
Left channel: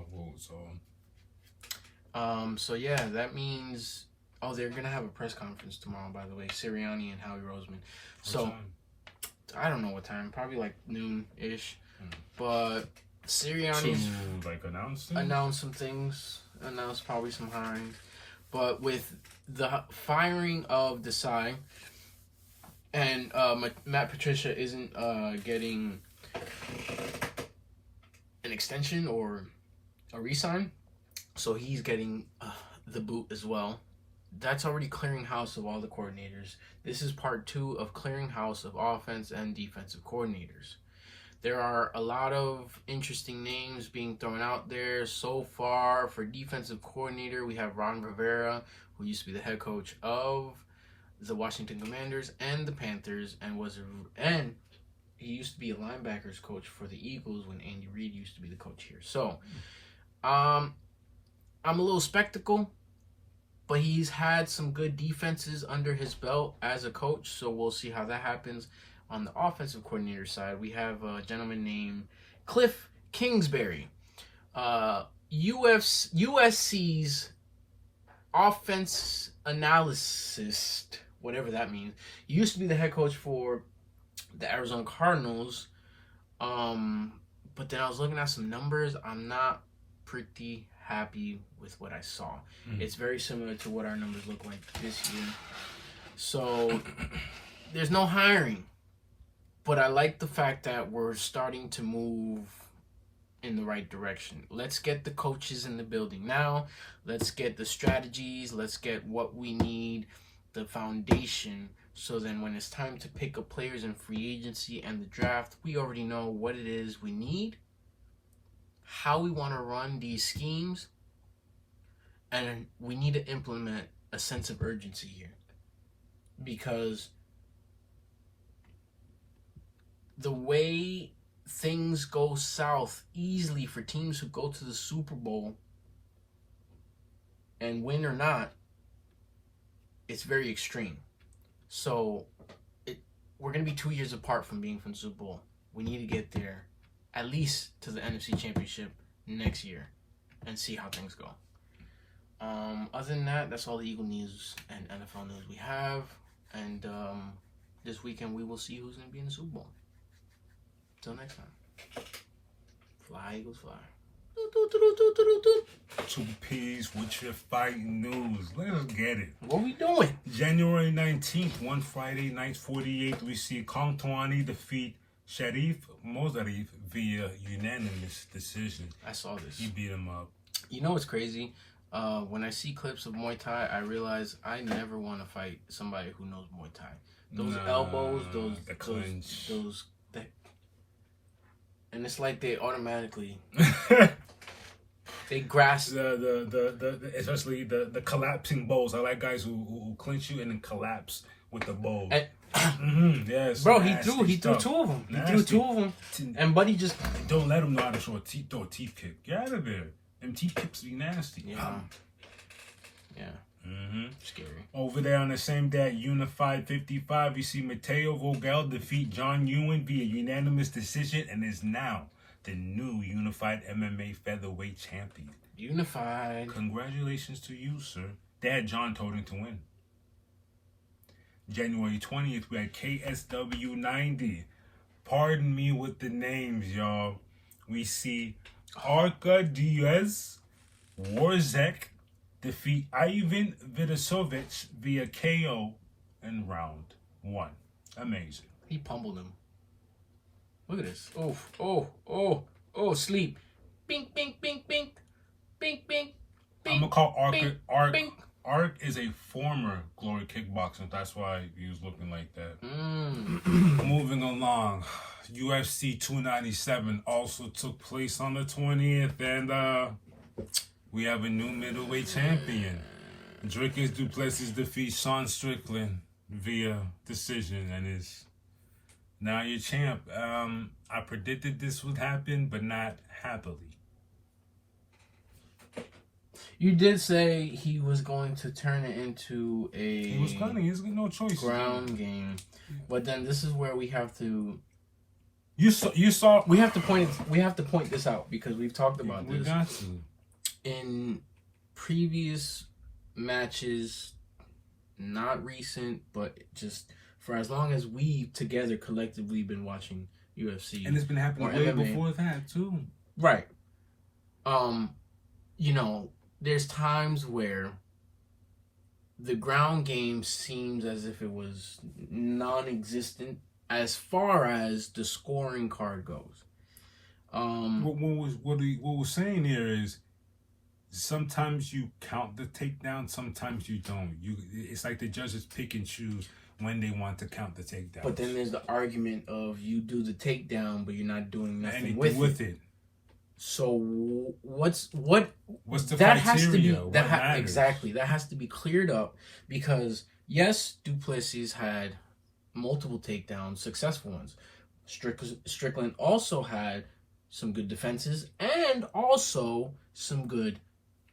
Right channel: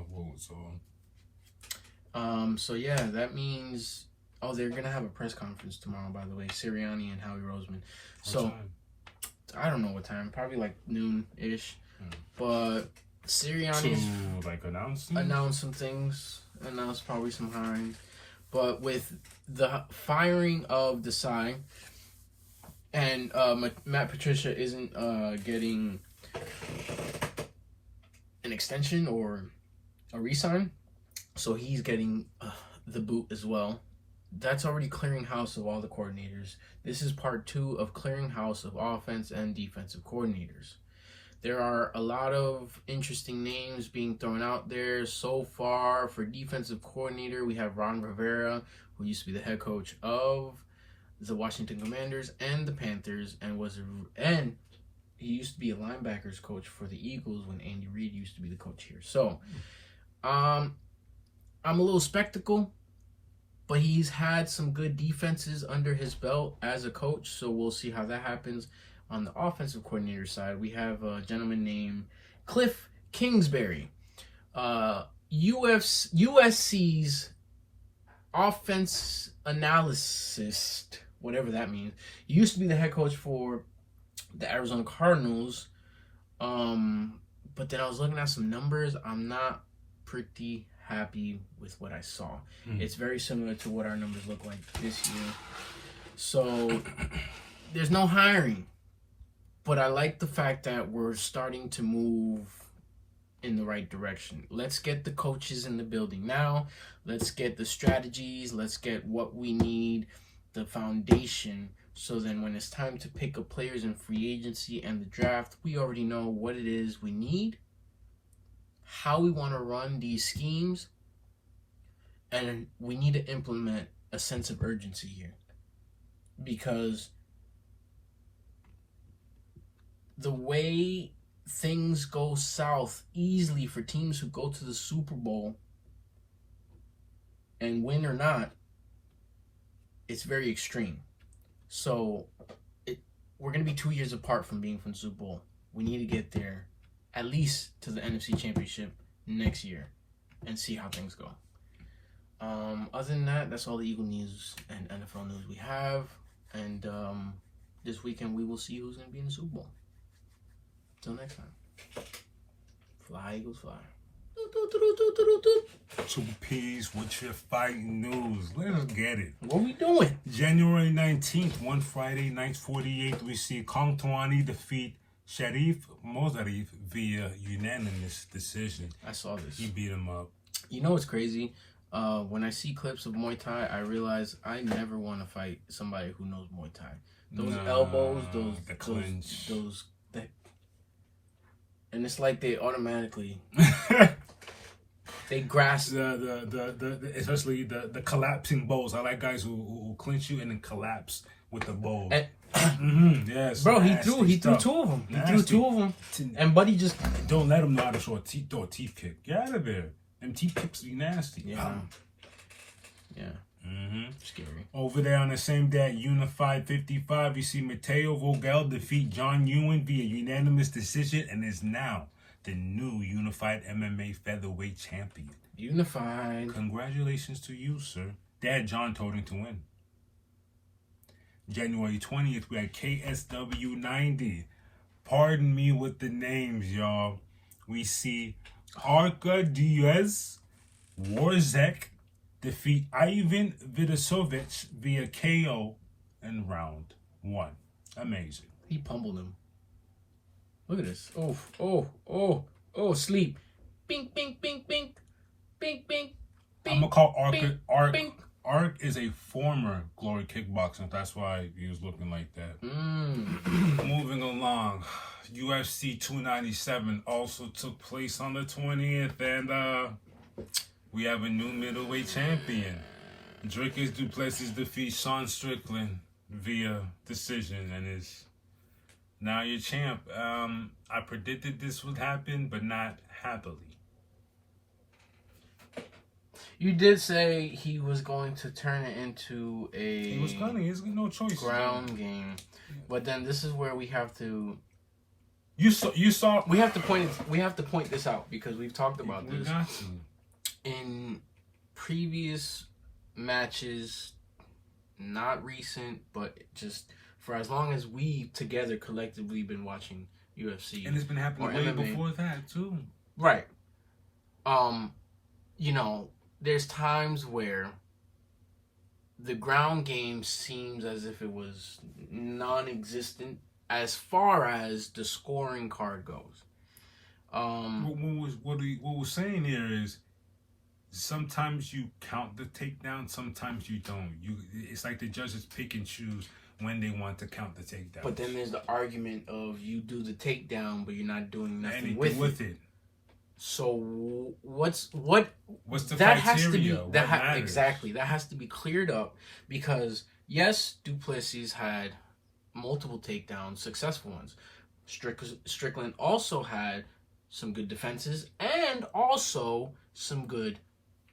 So yeah, that means they're gonna have a press conference tomorrow, by the way, Sirianni and Howie Roseman. So I don't know what time, probably like noon-ish. But Sirianni's announce some things, announce probably some hiring. But with the firing of Desai and Matt Patricia isn't getting an extension or a re-sign, so he's getting the boot as well. That's already clearing house of all the coordinators. This is part 2 of clearing house of offense and defensive coordinators. There are a lot of interesting names being thrown out there so far. For defensive coordinator, we have Ron Rivera, who used to be the head coach of the Washington Commanders and the Panthers, and he used to be a linebackers coach for the Eagles when Andy Reid used to be the coach here. So, I'm a little skeptical, but he's had some good defenses under his belt as a coach, so we'll see how that happens. On the offensive coordinator side, we have a gentleman named Cliff Kingsbury, USC's offense analyst, whatever that means. He used to be the head coach for the Arizona Cardinals, but then I was looking at some numbers. I'm not pretty happy with what I saw. It's very similar to what our numbers look like this year. So there's no hiring. But I like the fact that we're starting to move in the right direction. Let's get the coaches in the building now. Let's get the strategies. Let's get what we need, the foundation. So then when it's time to pick up players in free agency and the draft, we already know what it is we need, how we want to run these schemes, and we need to implement a sense of urgency here. Because the way things go south easily for teams who go to the Super Bowl and win or not, it's very extreme. So we're going to be 2 years apart from being from the Super Bowl. We need to get there at least to the NFC Championship next year and see how things go. Other than that, that's all the Eagle news and NFL news we have. And this weekend we will see who's going to be in the Super Bowl. Till next time. Fly, Eagles, fly. 2 P's with your fighting news. Let's get it. What we doing? January 19th, one Friday, night 48, we see Kong Twani defeat Sharif Mozarif via unanimous decision. I saw this. He beat him up. You know what's crazy? When I see clips of Muay Thai, I realize I never want to fight somebody who knows Muay Thai. Those elbows, the clinch. And it's like they automatically they grasp especially the collapsing bows. I like guys who clinch you and then collapse with the bow. Yes, bro. He threw 2 of them. He threw 2 of them, and Buddy just don't let him know how to throw a teeth kick. Get out of there. Them teeth kicks be nasty. Yeah. Scary. Over there on the same day at Unified 55, you see Mateo Vogel defeat John Ewan via unanimous decision and is now the new Unified MMA featherweight champion. Unified. Congratulations to you, sir. Dad John told him to win. January 20th, we had KSW 90. Pardon me with the names, y'all. We see Arca Diaz, Warzek, defeat Ivan Vidasovich via KO in round 1. Amazing. He pummeled him. Look at this. Oh, sleep. Bink, bink, bink, bink. Bink, bink, bink. I'm going to call Ark is a former Glory Kickboxer. That's why he was looking like that. Moving along, UFC 297 also took place on the 20th, and we have a new middleweight champion. Dricus du Plessis defeats Sean Strickland via decision and is now your champ. I predicted this would happen, but not happily. You did say he was going to turn it into a. He was cunning. He's got no choice. Ground game, but then this is where we have to. You saw. We have to point. We have to point this out because we've talked about this. We got to. In previous matches, not recent, but just for as long as we together collectively been watching UFC, and it's been happening way before that too. Right. You know, there's times where the ground game seems as if it was non-existent as far as the scoring card goes. What we're saying here is sometimes you count the takedown, sometimes you don't. It's like the judges pick and choose when they want to count the takedown. But then there's the argument of you do the takedown, but you're not doing nothing anything with it. it. So what's the that criteria? has to be Exactly. That has to be cleared up because yes, du Plessis had multiple takedowns, successful ones. Strickland also had some good defenses and also some good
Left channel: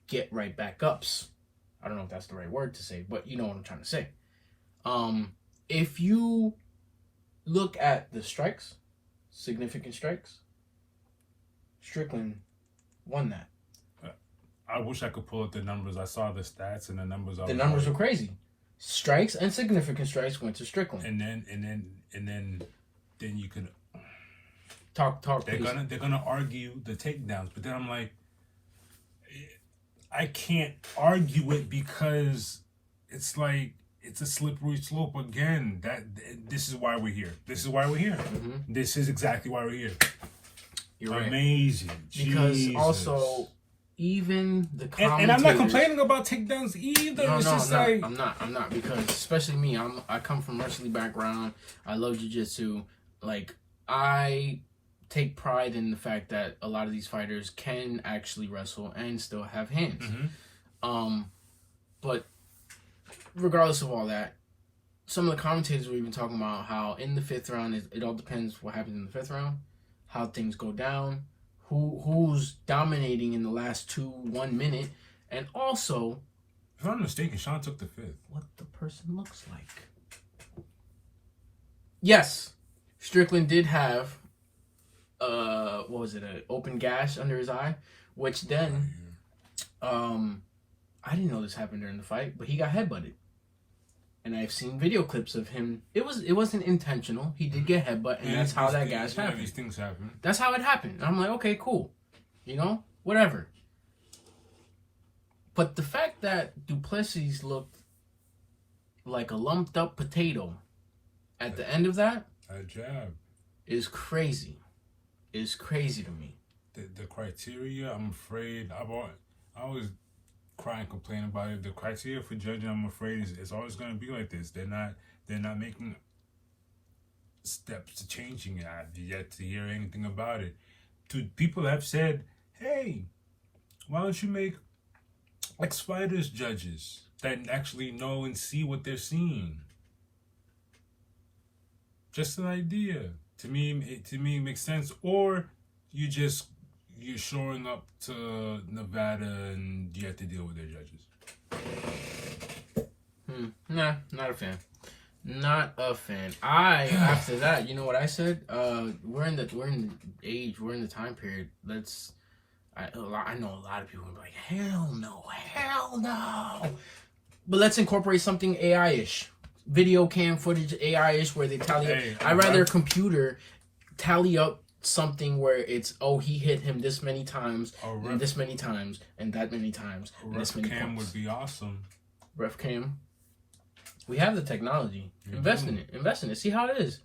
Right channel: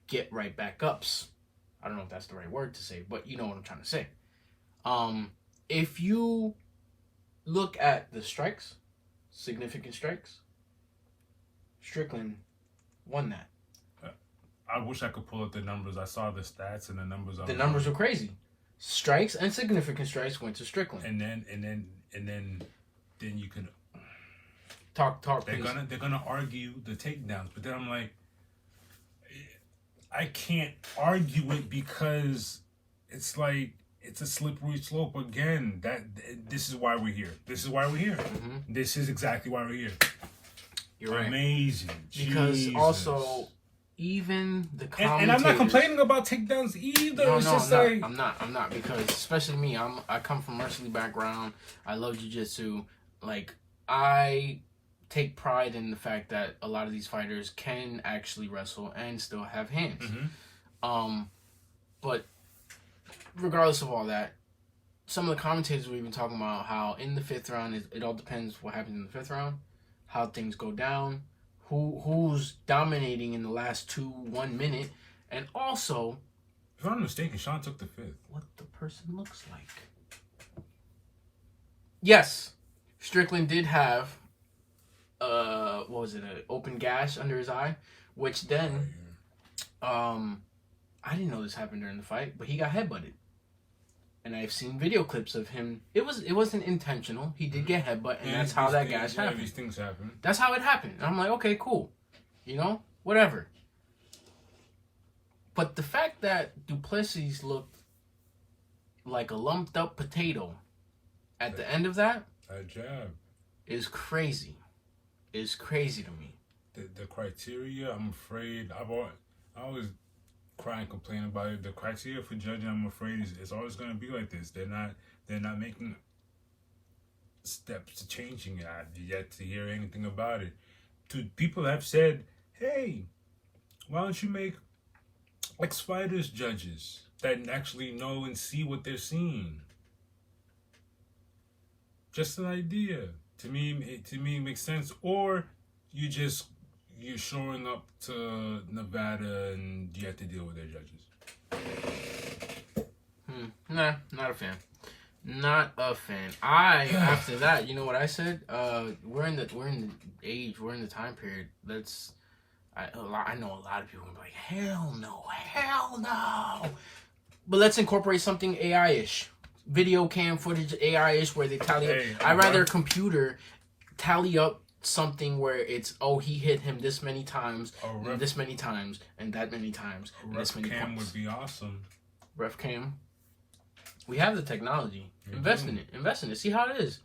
get right back ups. I don't know if that's the right word to say, but you know what I'm trying to say. If you look at the strikes, significant strikes, Strickland won that. I wish I could pull up the numbers. I saw the stats and the numbers. The numbers were crazy. Strikes and significant strikes went to Strickland. And then you could talk. They're gonna argue the takedowns, but then I'm like, I can't argue it because it's like it's a slippery slope again. This is why we're here. Mm-hmm. This is exactly why we're here. You're right. Amazing. Because Jesus. also, even the commentators... And I'm not complaining about takedowns either. I'm not. Because, especially me, I come from wrestling background. I love jiu-jitsu. Like, I take pride in the fact that a lot of these fighters can actually wrestle and still have hands. Mm-hmm. But regardless of all that, some of the commentators we've been talking about how in the fifth round, it all depends what happens in the fifth round, how things go down, who's dominating in the last 1 minute, and also, if I'm not mistaken, Sean took the fifth. What the person looks like. Yes, Strickland did have an open gash under his eye, which then I didn't know this happened during the fight, but he got headbutted. And I've seen video clips of him. It wasn't intentional. He did get headbutt, and that's how that gash happened. These things happen. That's how it happened. And I'm like, okay, cool. You know, whatever. But the fact that du Plessis looked like a lumped up potato at the end of that jab is crazy. Is crazy to me. The criteria, I'm afraid, I always cry and complain about it. The criteria for judging, I'm afraid, is always going to be like this. They're not making steps to changing it. I've yet to hear anything about it. People have said, hey, why don't you make ex-fighters judges that actually know and see what they're seeing? Just an idea. To me, it makes sense. Or you're showing up to Nevada and you have to deal with their judges. Nah, not a fan. Not a fan. After that, you know what I said? We're in the age, we're in the time period. I know a lot of people are like, hell no. But let's incorporate something AI-ish. Video cam footage, AI-ish, where they tally up. I'd rather a computer tally up something where it's, he hit him this many times, and this many times, and that many times, and this many cam points. Would be awesome. Ref cam. We have the technology. Invest in it. See how it is.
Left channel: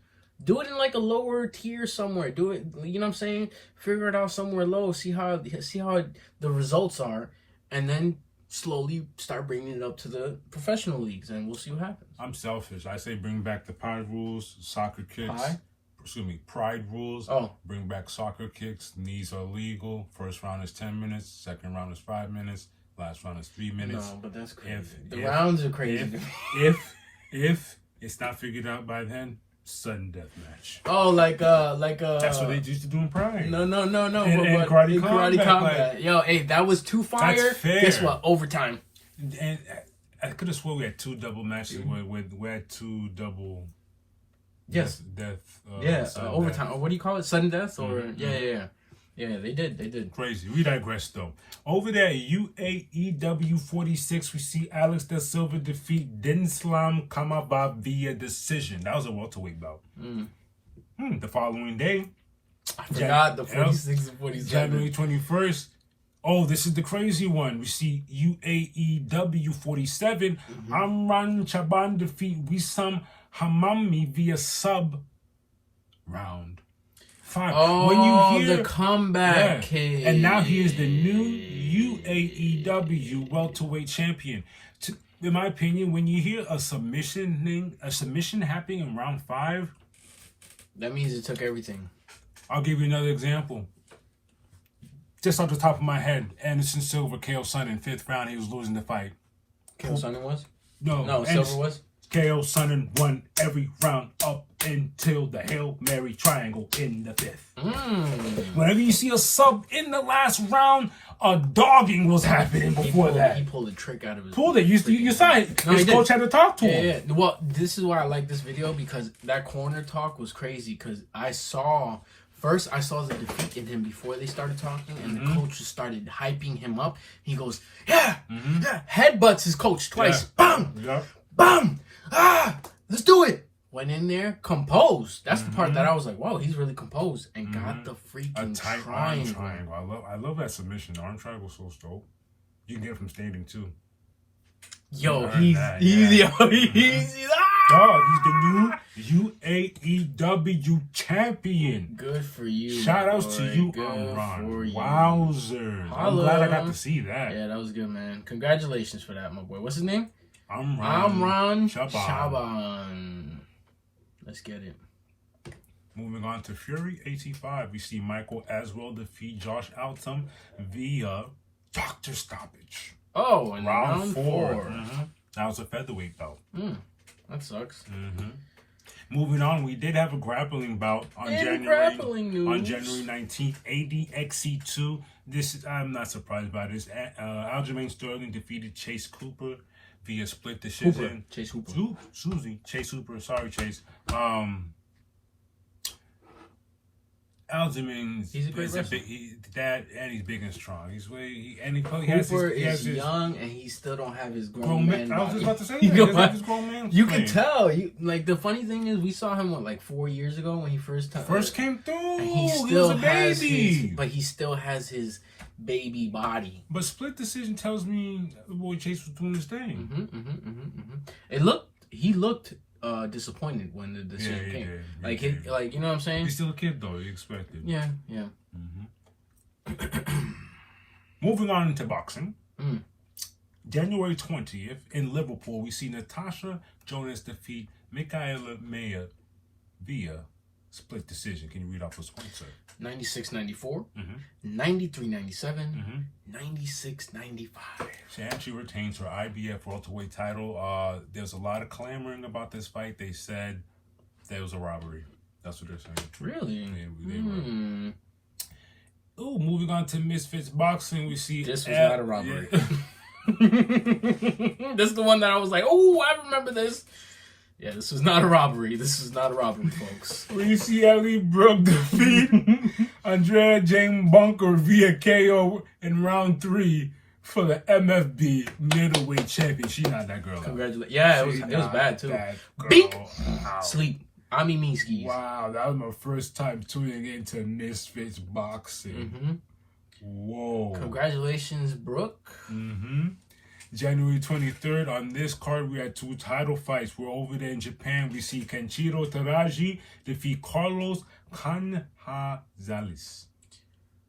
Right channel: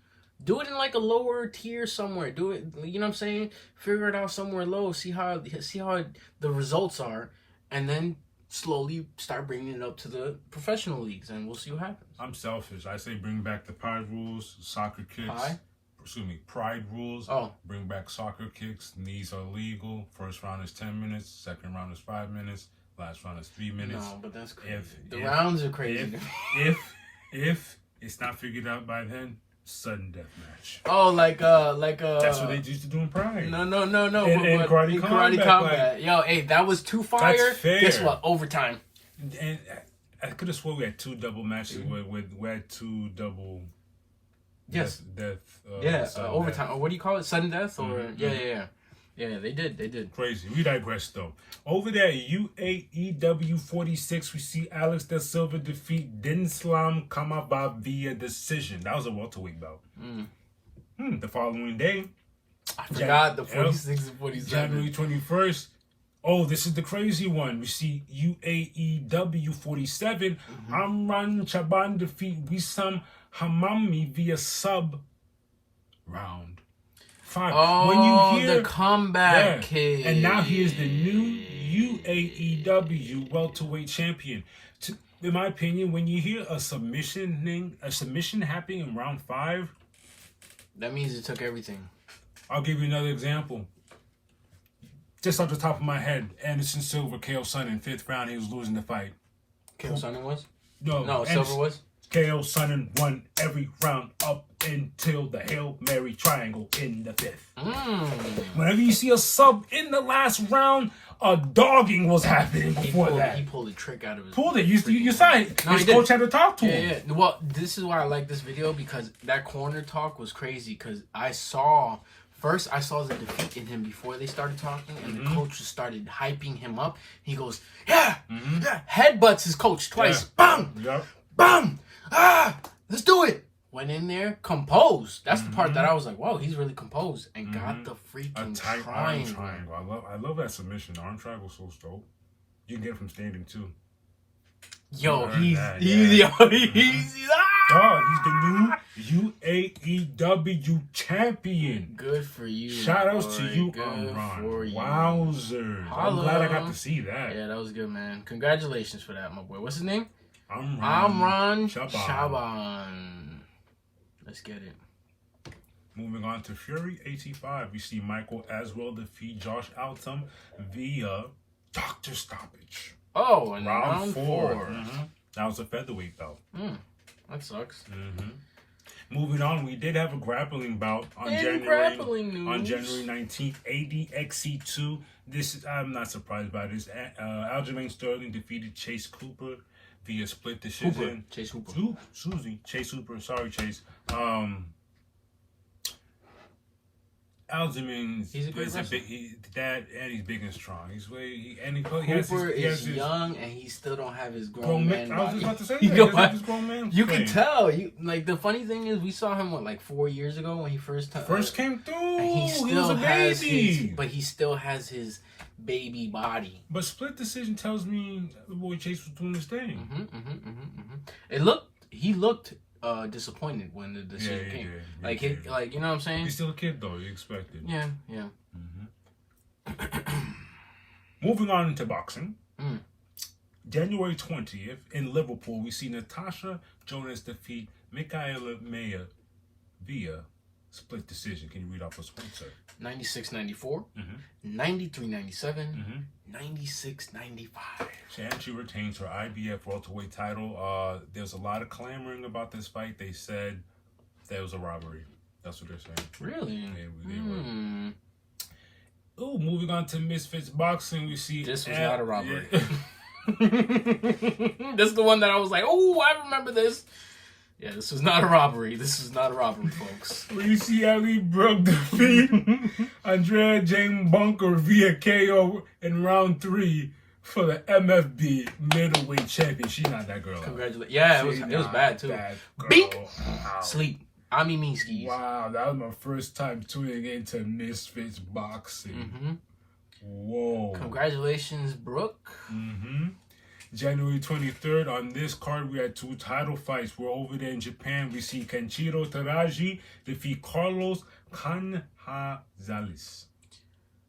Do it in like a lower tier somewhere. Do it, you know what I'm saying? Figure it out somewhere low. See how the results are, and then slowly start bringing it up to the professional leagues, and we'll see what happens. I'm selfish. I say bring back the pride rules, soccer kicks. Pride rules. Oh. Bring back soccer kicks. Knees are legal. First round is 10 minutes. Second round is 5 minutes. Last round is 3 minutes. No, but that's crazy. The rounds are crazy. If it's not figured out by then, sudden death match. Oh, that's what they used to do in Pride. No. In karate combat. Yo, hey, that was too fire. That's fair. Guess what? Overtime. And I could have swore we had 2 double matches. We had 2 double. Yes. Death. Overtime. Death. What do you call it? Sudden death? Or Mm-hmm. Yeah, they did. Crazy. We digress, though. Over there, UAEW 46, we see Alex Da Silva defeat Dinslam Kamaba via decision. That was a welterweight bout. The following day, I forgot the 46 and 47. January 21st. Oh, this is the crazy one. We see UAEW 47. Amran Chaban defeat Wissam Hamami via sub round 5. Oh, when you hear the comeback kid. And now he is the new UAEW welterweight champion. In my opinion, when you hear a submission happening in round 5, that means it took everything. I'll give you another example. Just off the top of my head, Anderson Silva, KO Sonnen, 5th round, he was losing the fight. KO Sonnen was? No, Silva was? KO Sonnen won every round up until the Hail Mary triangle in the 5th. Whenever you see a sub in the last round, a dogging was happening before that. He pulled a trick out of his... Pulled it. You saw it. His coach had to talk to him. Yeah. Well, this is why I like this video, because that corner talk was crazy, because I saw the defeat in him before they started talking, and the coach just started hyping him up. He goes, yeah, headbutts his coach twice. Bang! Yep. Bang! Let's do it! Went in there, composed. That's the part that I was like, whoa, he's really composed. And got the freaking tight arm triangle. I love that submission. The arm triangle so dope. You can get it from standing too. Yo, he's the new UAEW champion. Good for you. Shout outs to you, Amran. Wowzers. I'm glad I got to see that. Yeah, that was good, man. Congratulations for that, my boy. What's his name? Amran Shaban. Let's get it. Moving on to Fury 85, we see Michael Aswell defeat Josh Altum via doctor stoppage. Oh, and round 4. That was a featherweight bout. That sucks. Moving on, we did have a grappling bout on January 19th. ADXC2. I'm not surprised by this. Aljamain Sterling defeated Chase Cooper via split decision. Chase Hooper. Chase Hooper. Sorry, Chase. Aljamain he's a great wrestler. He's big and strong. Cooper is young and he still don't have his grown man body. I was just about to say he doesn't have his grown man. You can tell. The funny thing is, we saw him 4 years ago when he first came through. And he still has he still has his baby body. But split decision tells me the boy Chase was doing his thing. He looked disappointed when the decision came. Did. You know what I'm saying? He's still a kid though. You expected. Yeah. Moving on into boxing. January 20th in Liverpool, we see Natasha Jonas defeat Michaela Mayer via split decision. Can you read off those points, sir? 96-94, 93-97, 96-95. And she retains her IBF welterweight title. There's a lot of clamoring about this fight. They said there was a robbery. That's what they're saying. Really? They were. Oh, moving on to Misfits Boxing, we see... This was not a robbery. Yeah. This is the one that I was like, oh, I remember this. Yeah, this was not a robbery. Folks. We see Ali Brooke defeat Andrea Jane Bunker via KO in round 3 for the MFB middleweight champion. She's not that girl. Congratulations. Yeah, it was bad too. Beep. Sleep. Skis. Wow, that was my first time tuning into Misfits Boxing. Whoa. Congratulations, Brooke. January 23rd, on this card, we had 2 title fights. We're over there in Japan. We see Kenshiro Teraji defeat Carlos Canhazales.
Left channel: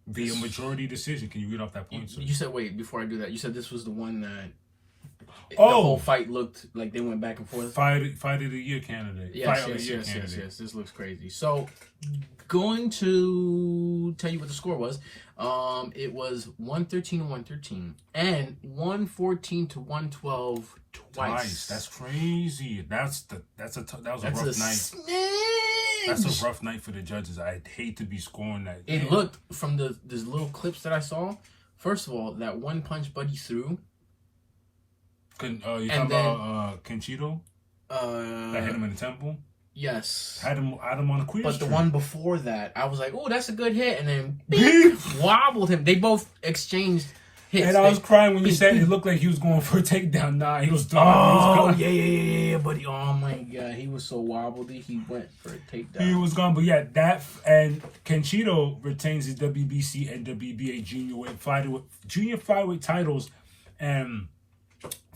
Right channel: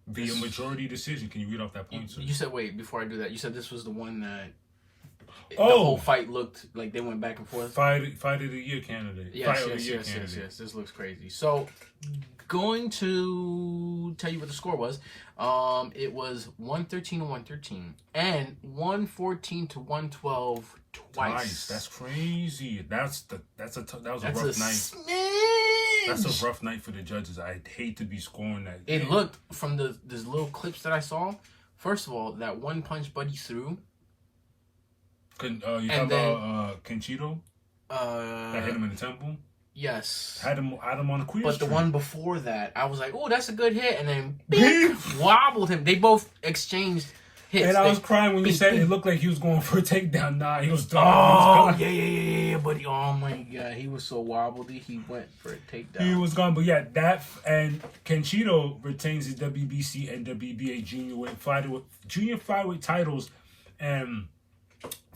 via majority decision. Can you read off that point, sir? You said, wait, before I do that, you said this was the one that the Oh, whole fight looked like they went back and forth. fight of the year candidate. Yes, Fight of the year candidate. yes. This looks crazy. So, going to tell you what the score was. It was 113 to 113 and 114 to 112 twice. That's crazy. That was a rough night. Smidge. That's a rough night for the judges. I'd hate to be scoring that. It looked from these little clips that I saw. First of all, that one punch Buddy threw. You talking about Kenchito? That hit him in the temple? Yes. Had him on the queer But street. the one before that, I was like, oh, that's a good hit. And then beep, wobbled him. They both exchanged hits. And I was crying when you said it looked like he was going for a takedown. Nah, he was done. Yeah, buddy. Oh, my God. He was so wobbly. He went for a takedown. He was gone. But yeah, that and Kenchito retains his WBC and WBA junior flyweight titles and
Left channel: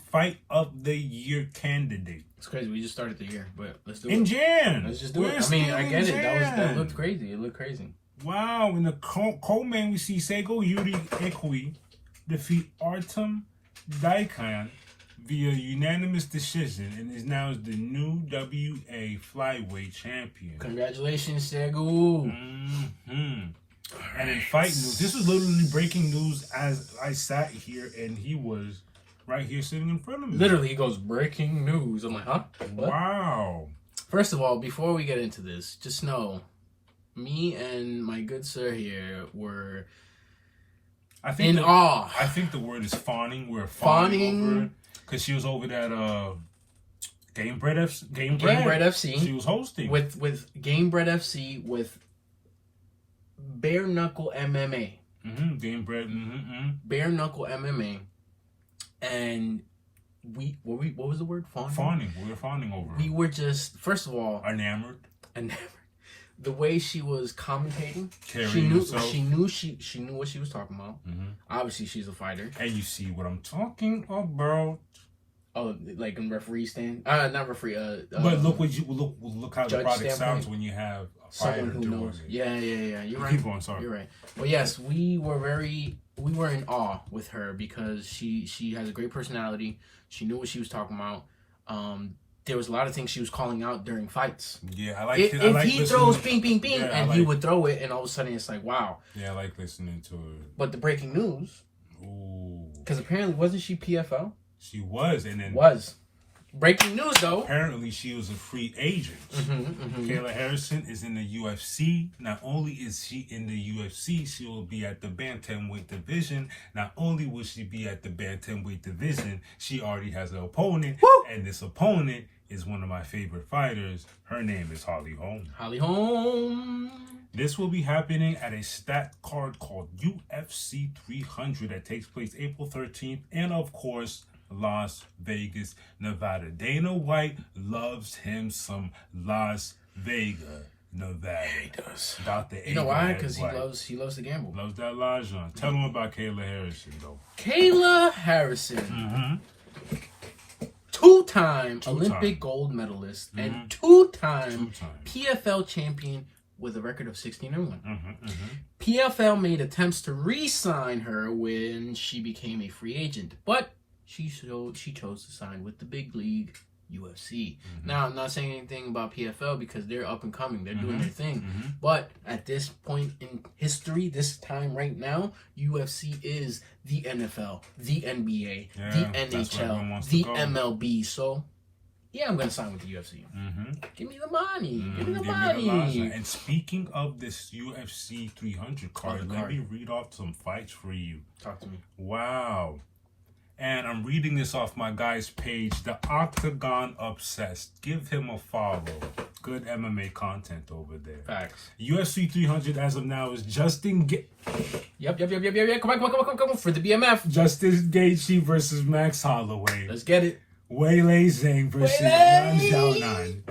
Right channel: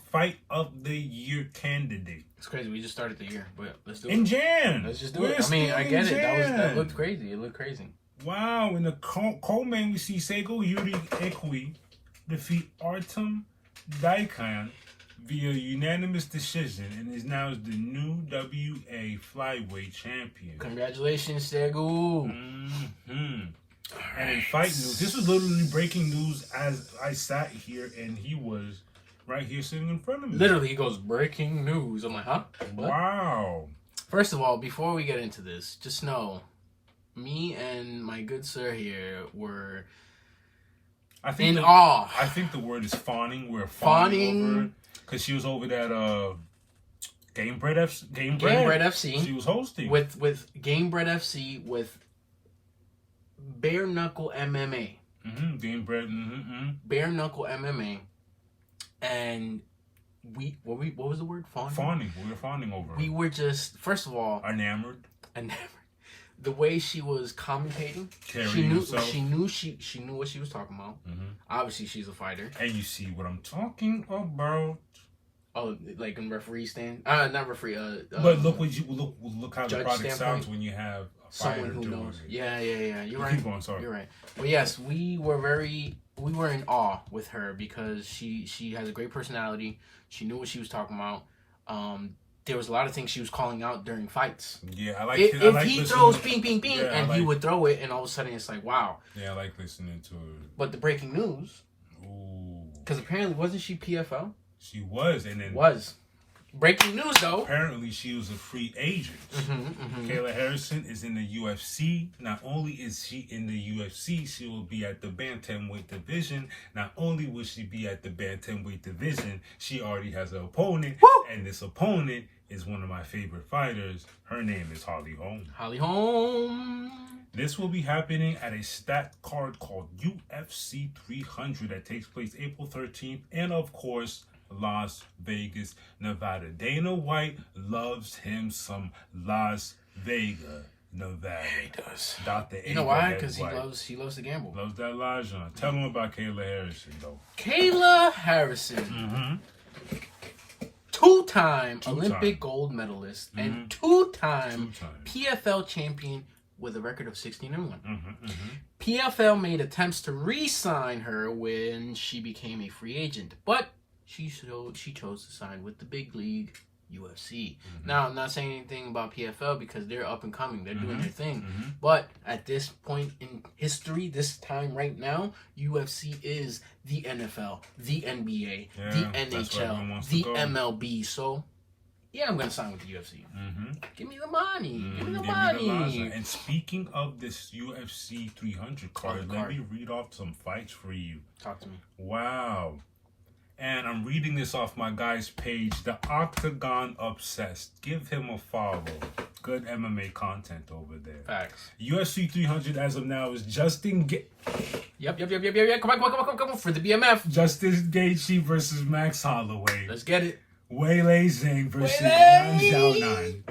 fight of the year candidate. It's crazy. We just started the year, but let's do it. In Jan. Let's just do it. I mean, I get it. That looked crazy. It looked crazy. Wow. In the co-main, we see Seigo Yuri Ekui defeat Artem Daikhan via unanimous decision and is now the new WA flyweight champion. Congratulations, Segu. And in fight news, this was literally breaking news as I sat here and he was right here sitting in front of me. Literally, he goes, breaking news. I'm like, huh? What? Wow. First of all, before we get into this, just know, me and my good sir here were in awe. I think the word is fawning. We're fawning over it. Because she was over that Game Bread FC. She was hosting. With Game Bread FC with Bare Knuckle MMA. Game Bread. Bare Knuckle MMA. And what was the word? Fawning. We were fawning over. We were just, first of all, enamored. The way she was commentating, she knew what she was talking about. Obviously, she's a fighter. And you see what I'm talking about. Oh, like in referee stand? Not referee. But look how the product sounds when you have a fighter who doing knows. it. Yeah. You're right. Keep going, sorry. You're right. But yes, we were in awe with her because she has a great personality. She knew what she was talking about. There was a lot of things she was calling out during fights. Yeah, I like it. If he throws bing, bing, bing, and he would throw it, and all of a sudden it's like, wow. Yeah, I like listening to it. But the breaking news, because apparently wasn't she PFL? She was, and then breaking news though. Apparently, she was a free agent. Kayla Harrison is in the UFC. Not only is she in the UFC, she will be at the bantamweight division. Not only will she be at the bantamweight division, she already has an opponent, and this opponent is one of my favorite fighters. Her name is Holly Holm. Holly Holm. This will be happening at a stat card called UFC 300 that takes place April 13th, and of course, Las Vegas, Nevada. Dana White loves him some Las Vegas, Nevada. He does. Dr. You know why? Because he loves to gamble. Loves that Lajon. Tell him about Kayla Harrison, though. Kayla Harrison. Two-time Olympic gold medalist and two-time PFL champion with a record of 16-1. PFL made attempts to re-sign her when she became a free agent, but she chose to sign with the big league, UFC. Now, I'm not saying anything about PFL because they're up and coming. They're doing their thing. But at this point in history, this time right now, UFC is the NFL, the NBA, the NHL, the MLB. So, yeah, I'm going to sign with the UFC. Give me the money. Give me the money. And speaking of this UFC 300 card, let me read off some fights for you. Talk to me. Wow. And I'm reading this off my guy's page, The Octagon Obsessed. Give him a follow. Good MMA content over there. Facts. UFC 300 as of now is Justin Yep. Come on. For the BMF. Justin Gaethje versus Max Holloway. Let's get it. Weili Zhang versus Nan Xiaonan.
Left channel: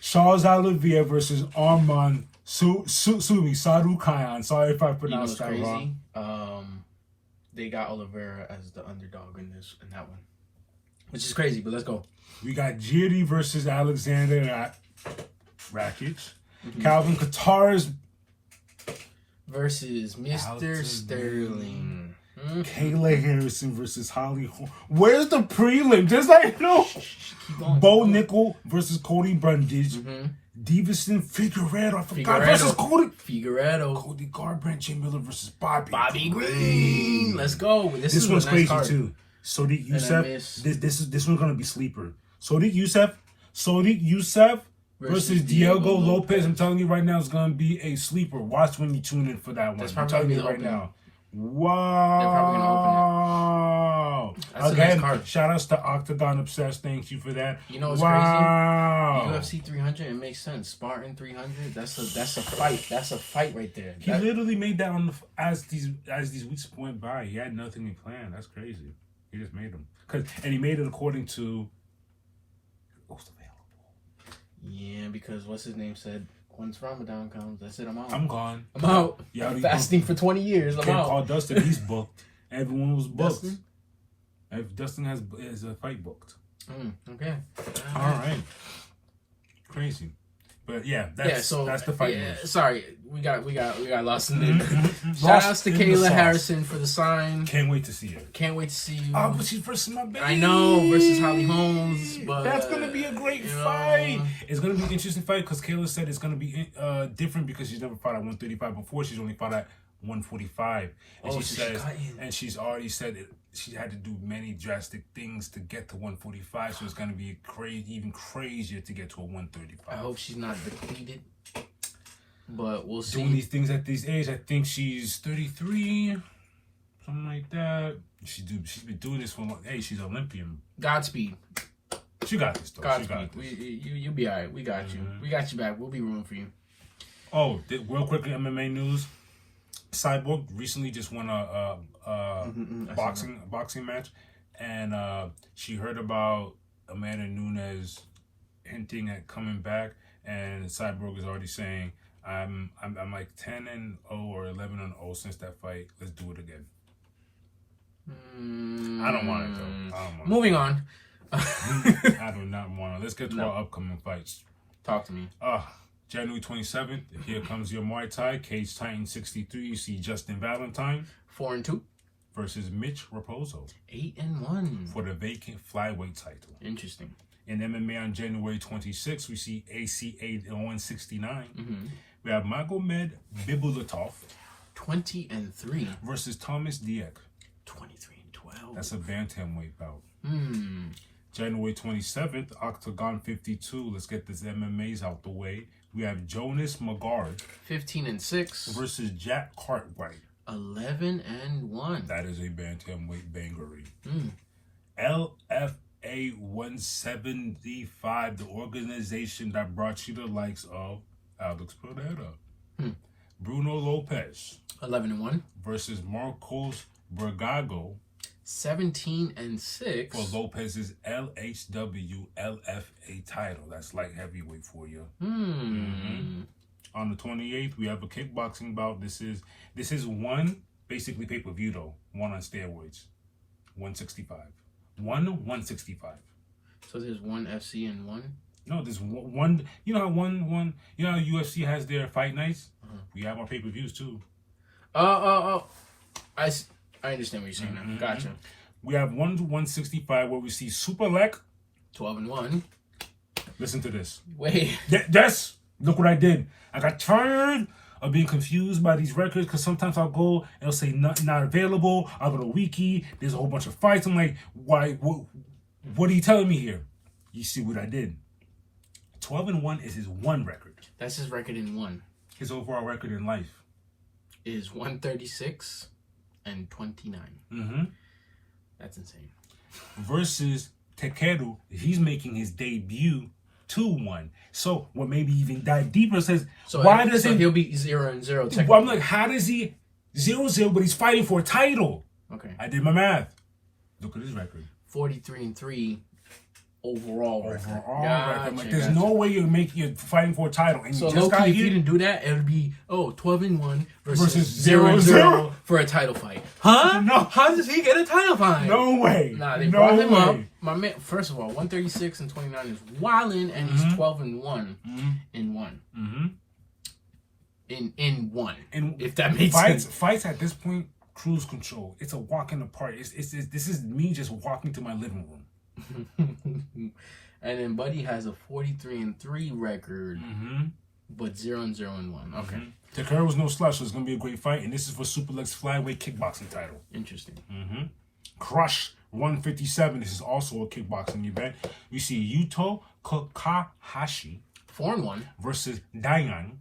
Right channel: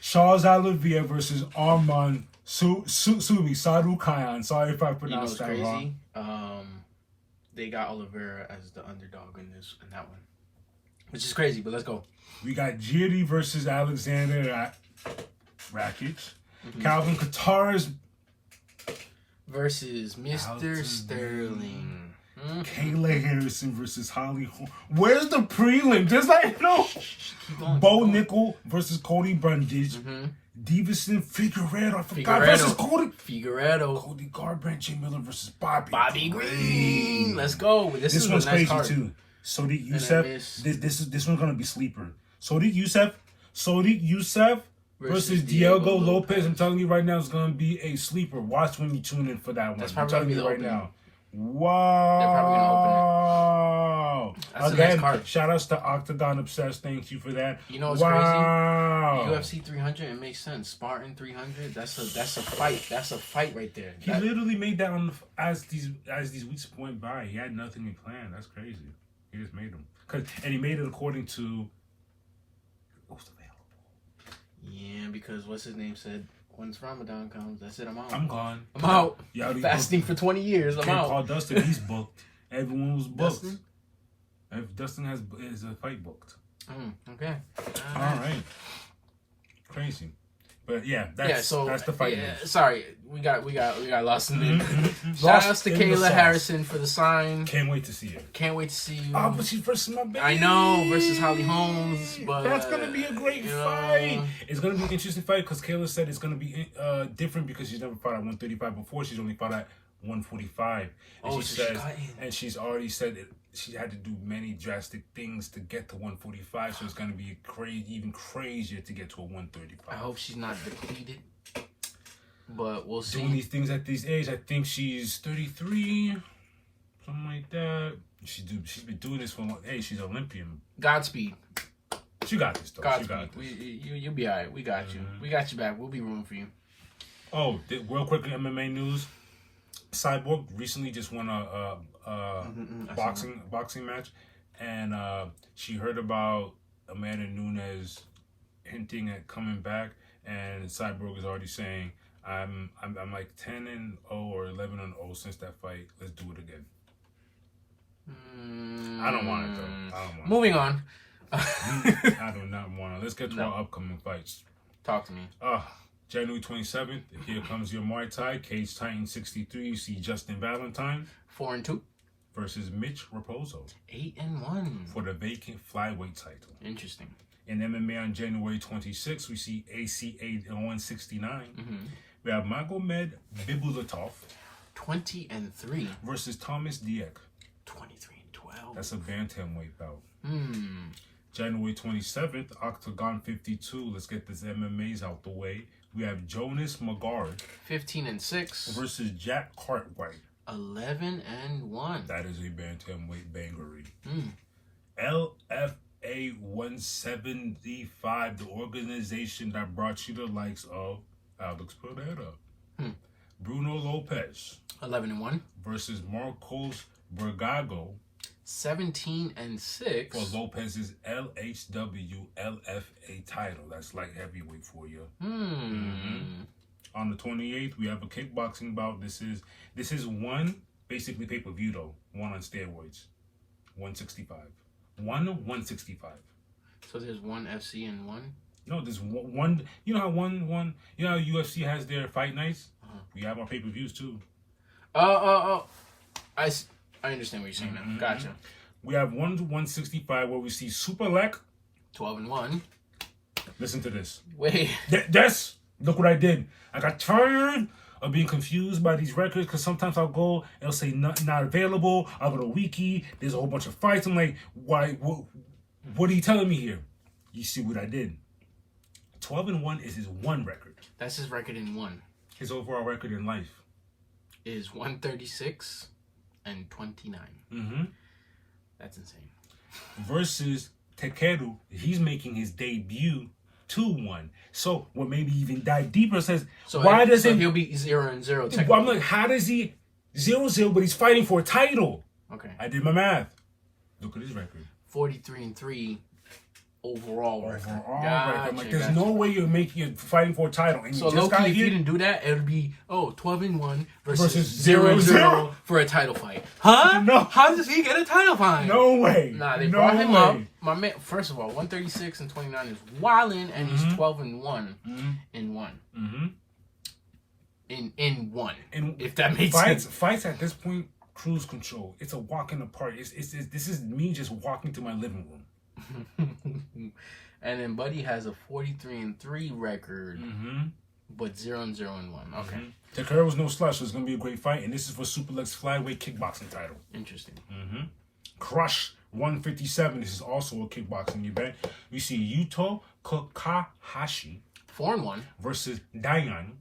Charles Oliveira versus Arman Sarukayan. Sorry if I pronounced that wrong. They got Oliveira as the underdog in that one, which is crazy. But let's go. We got Jiri versus Alexander Rakic. Calvin Kattar's versus Mr. Alton. Sterling. Kayla Harrison versus Holly Holm. Where's the prelim? There's like no. Bo Nickel versus Cody Brundage. Davison Figueredo. Versus Cody Garbrandt. Jay Miller versus Bobby Green. Let's go. This one's a nice crazy card. too. Sodiq Youssef. This one's gonna be sleeper. Sodiq Youssef versus Diego Lopez. I'm telling you right now, it's gonna be a sleeper. Watch when you tune in for that one. I'm telling you right now. Wow. They're probably gonna open it. That's Again, a nice card. Shout outs to Octagon Obsessed. Thank you for that. You know what's crazy? UFC 300, it makes sense. Spartan 300, that's a fight. That's a fight right there. He literally made that as these weeks went by. He had nothing in plan. That's crazy. He just made them. And he made it according to what was available. Yeah, because what's his name said, once Ramadan comes, that's it, I'm out. I'm gone. I'm out. Yeah, fasting for 20 years. I'm out. Call Dustin. He's booked. Everyone was booked. Dustin has a fight booked. Okay. All right. Crazy. But yeah, that's the fight. Yeah, sorry, we got lost in there. Shout outs to Kayla Harrison for the sign. Can't wait to see her. Can't wait to see you. Oh, but she's versus my baby. I know, versus Holly Holmes. But that's gonna be a great fight. It's gonna be an interesting fight because Kayla said it's gonna be different because she's never fought at 135 before. She's only fought at 145. And she's already said it. She had to do many drastic things to get to 145, so it's going to be even crazier to get to a 135. I hope she's not depleted, but we'll see. Doing these things at this age, I think she's 33, something like that. She's been doing this for she's Olympian. Godspeed. She got this though. Godspeed. She got this. You'll be alright. We got you. We got you back. We'll be rooting for you. Oh, real quickly, MMA news. Cyborg recently just won a boxing match, and she heard about Amanda Nunes hinting at coming back, and Cyborg is already saying, "I'm like 10-0 or 11-0 since that fight. Let's do it again." I don't want it though. Moving on. I do not want it. Let's get to our upcoming fights. Talk to me. January 27th, here comes your Muay Thai. Cage Titan 63, you see Justin Valentine. 4-2. Versus Mitch Raposo. 8-1. For the vacant flyweight title. Interesting. In MMA on January 26th, we see ACA 169. We have Magomed Bibulatov. 20-3. Versus Thomas Dieck. 23-12. That's a bantamweight bout. January 27th, Octagon 52. Let's get this MMAs out the way. We have Jonas Magard. 15-6. Versus Jack Cartwright. 11-1. That is a bantamweight bangery. LFA 175, the organization that brought you the likes of Alex Pereira. Bruno Lopez. 11-1. Versus Marcos Bergago. 17-6 for Lopez's LHW LFA title. That's light heavyweight for you. On the 28th, we have a kickboxing bout. This is one basically pay-per-view though. One on steroids. 165. 165. So there's one FC and one? No, there's one. You know how one. You know how UFC has their fight nights. We have our pay-per-views too. I understand what you're saying now. Gotcha. We have 1 to 165 where we see Superlek. 12-1. Listen to this. Wait. Yes. Look what I did. I got tired of being confused by these records because sometimes I'll go and it'll say not available. I'll go to Wiki. There's a whole bunch of fights. I'm like, why? What are you telling me here? You see what I did. 12-1 is his one record. That's his record in one. His overall record in life is 136 and 29. That's insane. Versus Takeru, he's making his debut 2-1. So what maybe even dive deeper says, why doesn't he'll be 0-0? I'm like, how does he 0-0 but he's fighting for a title? Okay. I did my math. Look at his record. 43-3 overall record. I'm like, there's no way you're fighting for a title. And so low-key, if you didn't do that, it would be 12-1 versus 0-0 for a title fight. Huh? No. How does he get a title fight? No way. Nah, they brought him up. My man, first of all, 136 and 29 is wildin', and he's 12-1 in one. in one. And if that makes sense. Fights at this point, cruise control. It's a walk in the park. This is me just walking to my living room. And then Buddy has a 43-3 record, but 0-0-1. Okay. Takara was no slouch, so it's gonna be a great fight, and this is for Superlex flyweight kickboxing title. Interesting. Crush 157. This is also a kickboxing event. We see Yuto Kakahashi 4-1 versus Dayan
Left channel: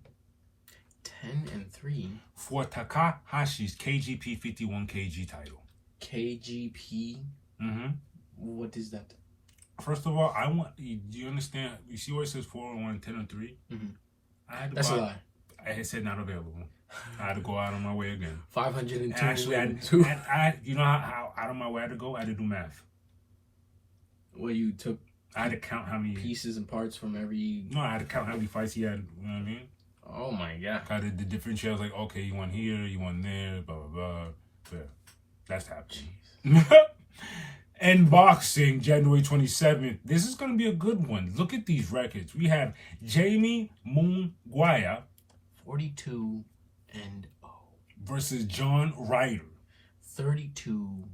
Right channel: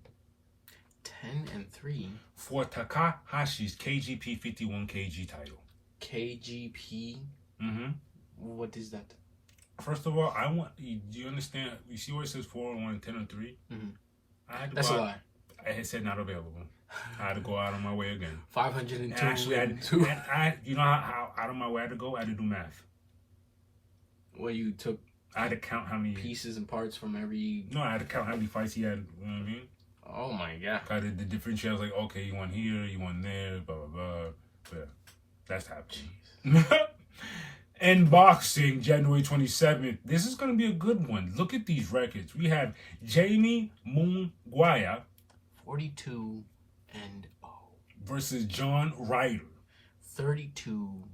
10-3 for Takahashi's KGP 51 kg title. KGP. What is that? First of all, do you understand? You see where it says 4-1, 10-3? I had to That's a lie. I had said not available. I had to go out of my way again. 502. And actually, you know how out of my way I had to go? I had to do math. Well, you took. I had to count how many pieces and parts from every. No, I had to count how many fights he had. You know what I mean? Oh my god! I did the differentiate. I was like, okay, you won here, you won there, blah blah blah. Yeah, that's happening. And boxing, January 27th. This is gonna be a good one. Look at these records. We have Jamie Munguia 42-0 versus John Ryder 32-6.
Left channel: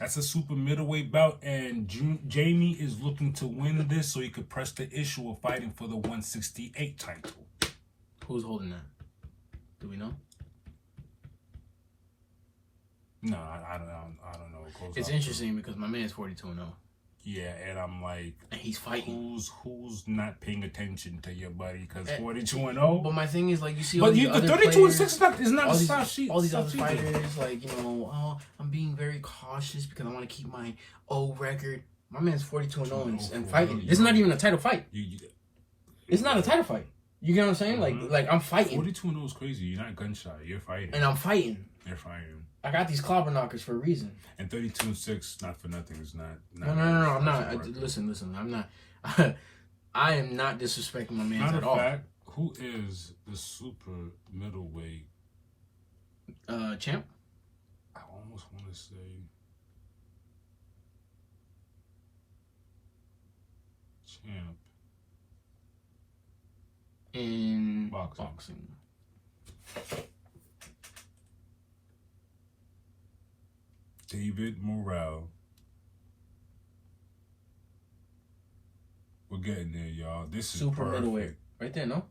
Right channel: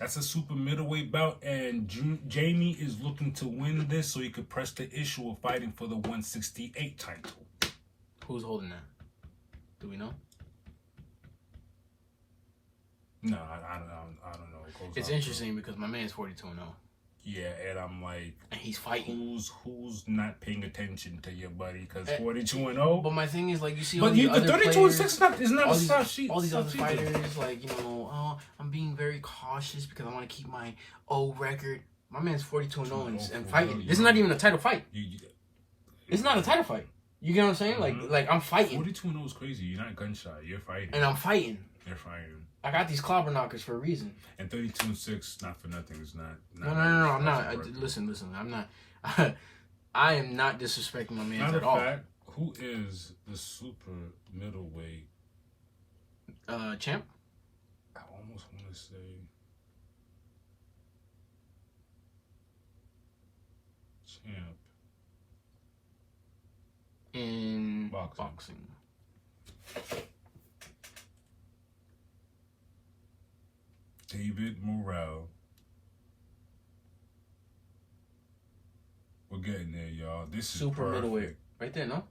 That's a super middleweight bout, and Jamie is looking to win this so he could press the issue of fighting for the 168 title. Who's holding that? Do we know? No, I don't know. It's interesting because my man's 42-0. Yeah, and I'm like, and he's fighting. Who's not paying attention to your buddy? Because 42-0. But my thing is, like, you see, but the 32-6 is not a soft sheet. All these other fighters, like, you know, I'm being very cautious because I want to keep my old record. My man's 42-0 and fighting. This is not even a title fight. It's not a title fight. You get what I'm saying? Like I'm fighting. 42-0 is crazy. You're not gunshot. You're fighting. And I'm fighting. You're fighting. I got these clobber knockers for a reason. And 32-6, not for nothing. It's not. No. I'm not. Listen. I'm not. I am not disrespecting my man at all. Matter of fact, who is the super middleweight champ? I almost want to say champ in boxing. David Morrell. We're getting there, y'all. This is super perfect. Middleweight. Right there, no?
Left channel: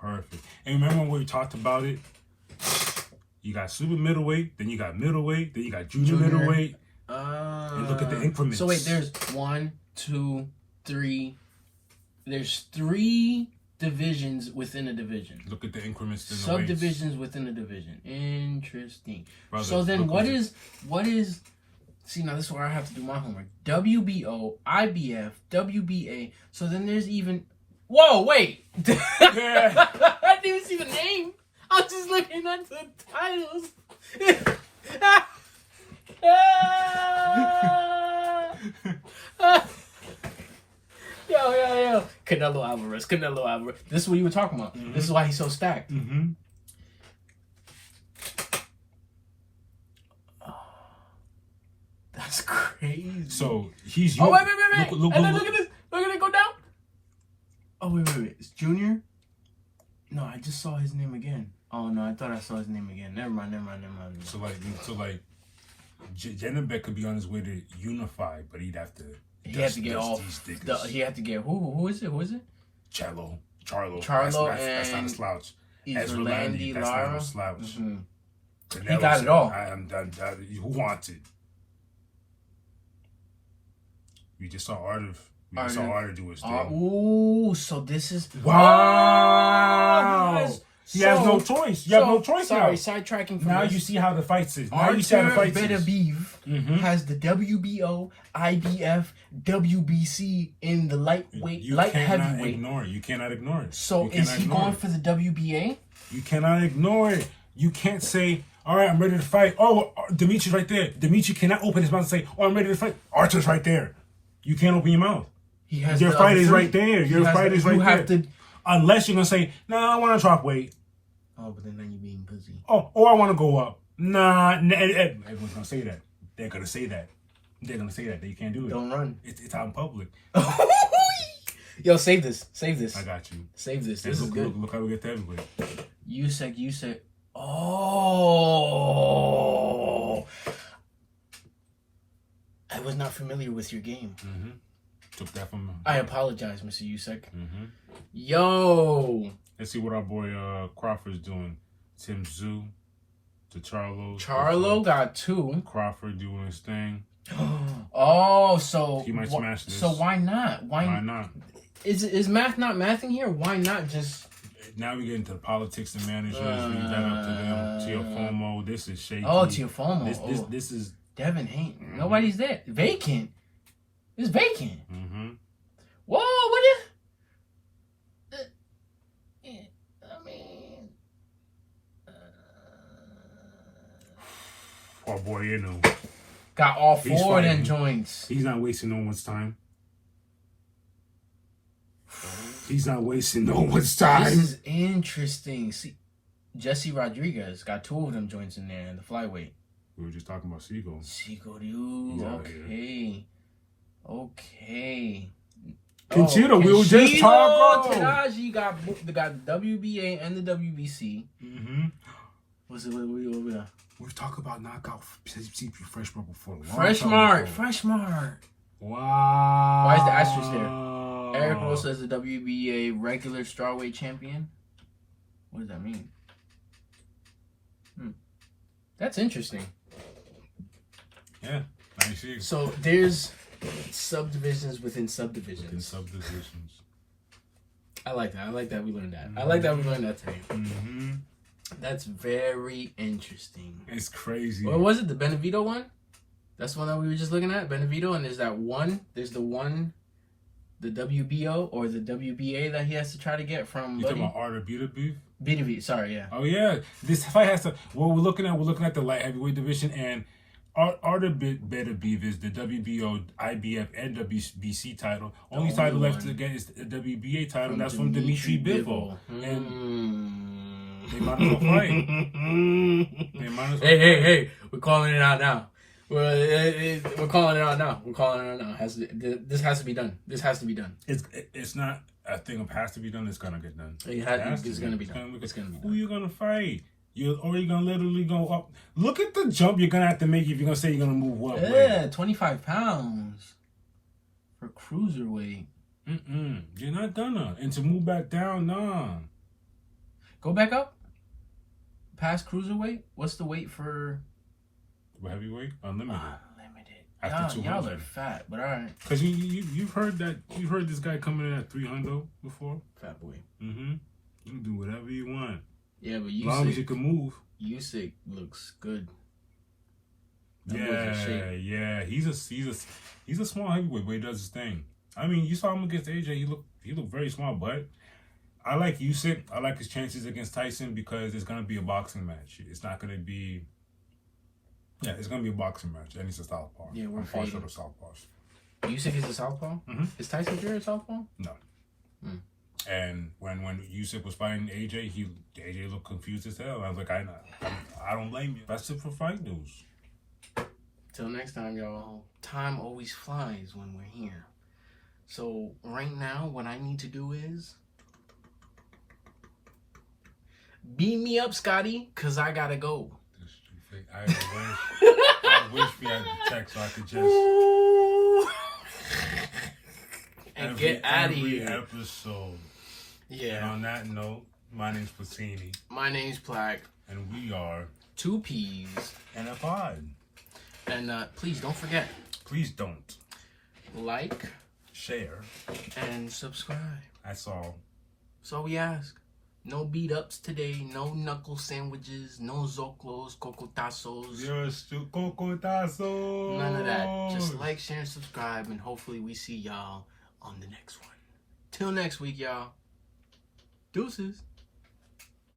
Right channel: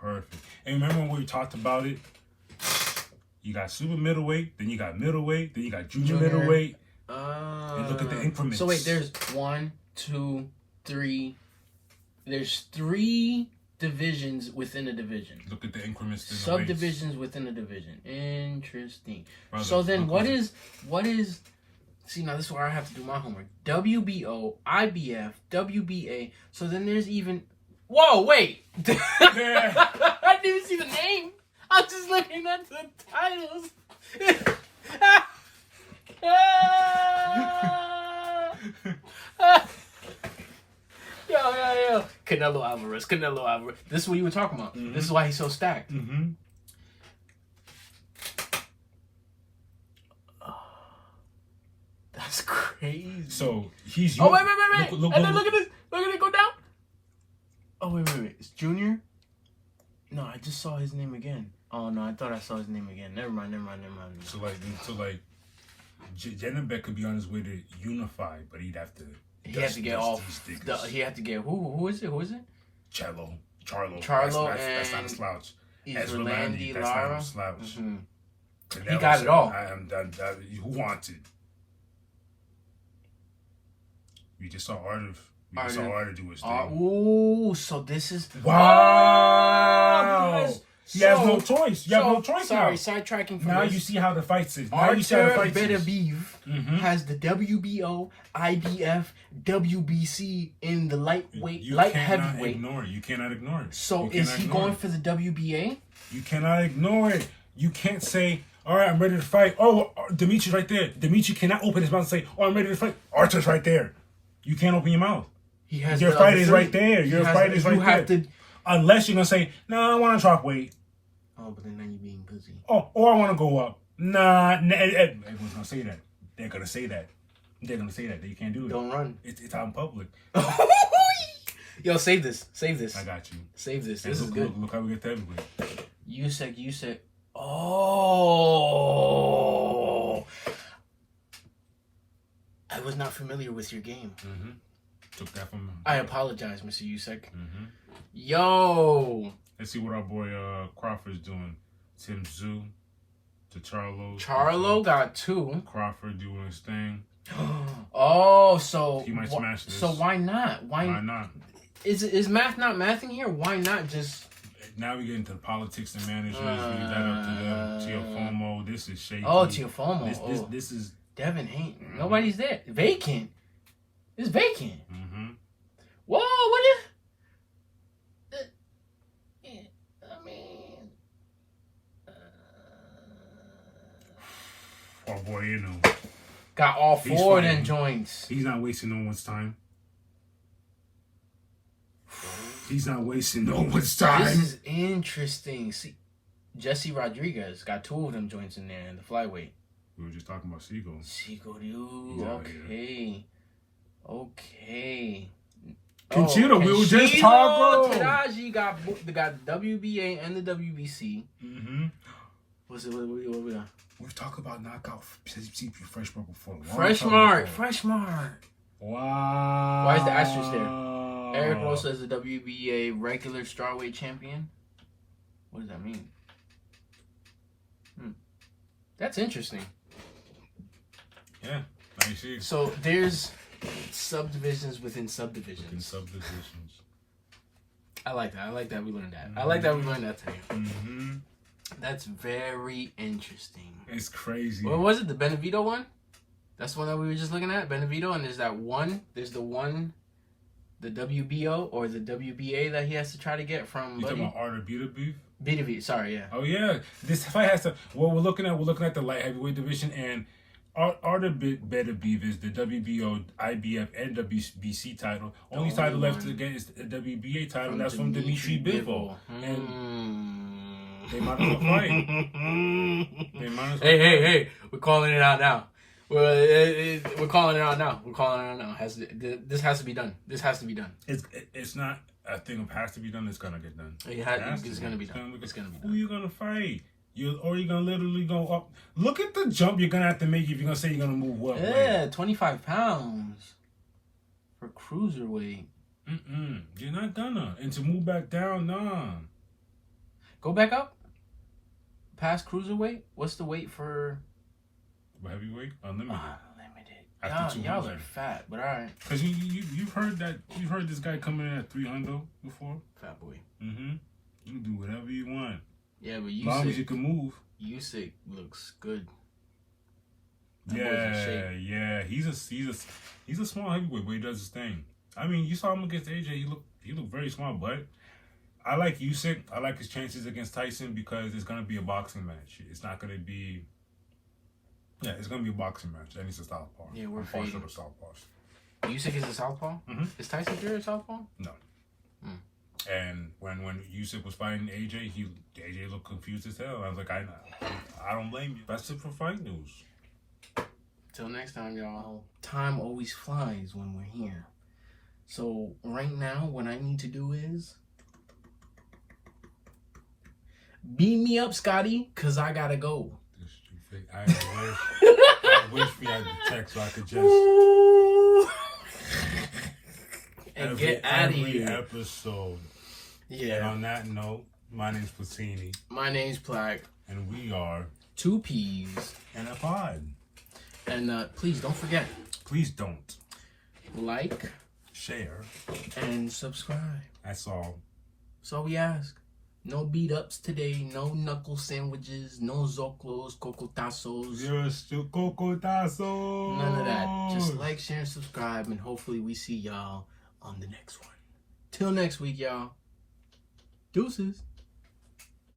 Perfect. And remember when we talked about it? You got super middleweight, then you got middleweight, then you got junior middleweight. You look at the increments. So wait, there's 1, 2, 3. There's 3 divisions within a division. Look at the increments. Subdivisions within a division. Interesting. Brother, so then what is see, now this is where I have to do my homework. WBO, IBF, WBA. So then there's even whoa, wait. I didn't even see the name. I was just looking at the titles. Yo. Canelo Alvarez. This is what you were talking about. This is why he's so stacked. That's crazy. So he's. Oh, wait. And then look at this. Look at it go down. Oh, wait. It's Junior? No, I just saw his name again. Oh, no, I thought I saw his name again. Never mind. So Janabek could be on his way to unify, but he'd have to. He had to get off. He had to get who is it? Charlo. That's not a slouch. Izerlandi, that's Lara. not a slouch. He got it all. Who wants it? We just saw Art of do his thing. Ooh, so this is wow. He has no choice. You have no choice now. Sidetracking. Now you see how the fights is. Artur Beterbiev has the WBO, IBF, WBC in the light heavyweight. You cannot ignore it. So is he going for the WBA? You cannot ignore it. You can't say, all right, I'm ready to fight. Oh, Dimitri's right there. Dimitri cannot open his mouth and say, oh, I'm ready to fight. Artur's right there. You can't open your mouth. Your fight is right there. Your fight is right there. Unless you're going to say, nah, I want to drop weight. Oh, but then you're being pussy. Oh, or I want to go up. Nah, everyone's going to say that. They're going to say that. That you can't do it. Don't run. It's out in public. Yo, save this. Save this. I got you. Save this. And This is good. Look how we get to heavyweight. Usyk. Oh. I was not familiar with your game. Mm-hmm. Took that from him. I apologize, Mr. Usyk. Mm-hmm. Yo. Let's see what our boy Crawford's doing. Tim Tszyu to Charlo. Charlo got 2. Crawford doing his thing. Oh, so he might smash this. So why not? Why not? Is math not mathing here? Why not just? Now we get into the politics and managers. Leave that up to them. Tiafoe, this is shaky. Oh, Tiafoe. This is Devin Haney. Mm-hmm. Nobody's there. Vacant. It's vacant. Mm-hmm. Whoa! What is? Oh boy, you know. Got all 4 of them joints. He's not wasting no one's time. He's not wasting no one's time. This is interesting. See, Jesse Rodriguez got 2 of them joints in there in the flyweight. We were just talking about Seagull. Dude. Okay. Conchito, we were just talking. Tadaji got the WBA and the WBC. Mm-hmm. What we got? We've talked about knockout CP Freshmart before. Freshmart. Wow. Why is the asterisk there? Eric Rosa is the WBA regular strawweight champion. What does that mean? That's interesting. Yeah, I see. So there's subdivisions within subdivisions. I like that. I like that we learned that. I like that we learned that today. Mm-hmm. That's very interesting. It's crazy. What was it? The Benevito one? That's the one that we were just looking at? Benevito, and there's that one. There's the one, the WBO or the WBA that he has to try to get from. You talking about Art of Beef? BDB, sorry, yeah. Oh yeah, this fight has to. What we're looking at the light heavyweight division, and Art of Beef is the WBO, IBF, and WBC title. Only title left to get is the WBA title, and that's from Dimitri Bivol. And they might as well fight. Hey, we're calling it out now. We're calling it out now. This has to be done. It's not a thing of has to be done. It's gonna get done. It's gonna be done. Who you gonna fight? You're gonna literally go up. Look at the jump you're gonna have to make if you're gonna say you're gonna move up. Yeah, 25 pounds for cruiserweight. You're not gonna. And to move back down, nah. Go back up. Past cruiserweight. What's the weight for heavyweight? Unlimited. Y'all are fat, but all right. Because you've heard this guy coming in at 300 before. Fat boy. Mm-hmm. You can do whatever you want. Yeah, but as long as you can move. Usyk looks good. Yeah. He's a small heavyweight, but he does his thing. I mean, you saw him against AJ. He looked very small, but I like Usyk. I like his chances against Tyson because it's gonna be a boxing match. It's not gonna be. Yeah, it's gonna be a boxing match, and it's a southpaw. Yeah, I'm partial to southpaws. Usyk is a southpaw. Mm-hmm. Is Tyson Fury a southpaw? No. And when Usyk was fighting AJ, AJ looked confused as hell. I was like, I don't blame you. That's it for fight news. Till next time, y'all. Time always flies when we're here. So right now, what I need to do is beam me up, Scotty, cause I gotta go. I wish we had the text so I could just and get out of here. Every episode. Yeah. And on that note, my name's Platini. My name's Plaque. And we are 2 P's and a pod. And please don't forget. Please don't. Like, share, and subscribe. That's all. So we ask. No beat ups today. No knuckle sandwiches. No zoclos, cocotazos. Just cocotazos. None of that. Just like, share, and subscribe. And hopefully we see y'all on the next one. Till next week, y'all. Deuces.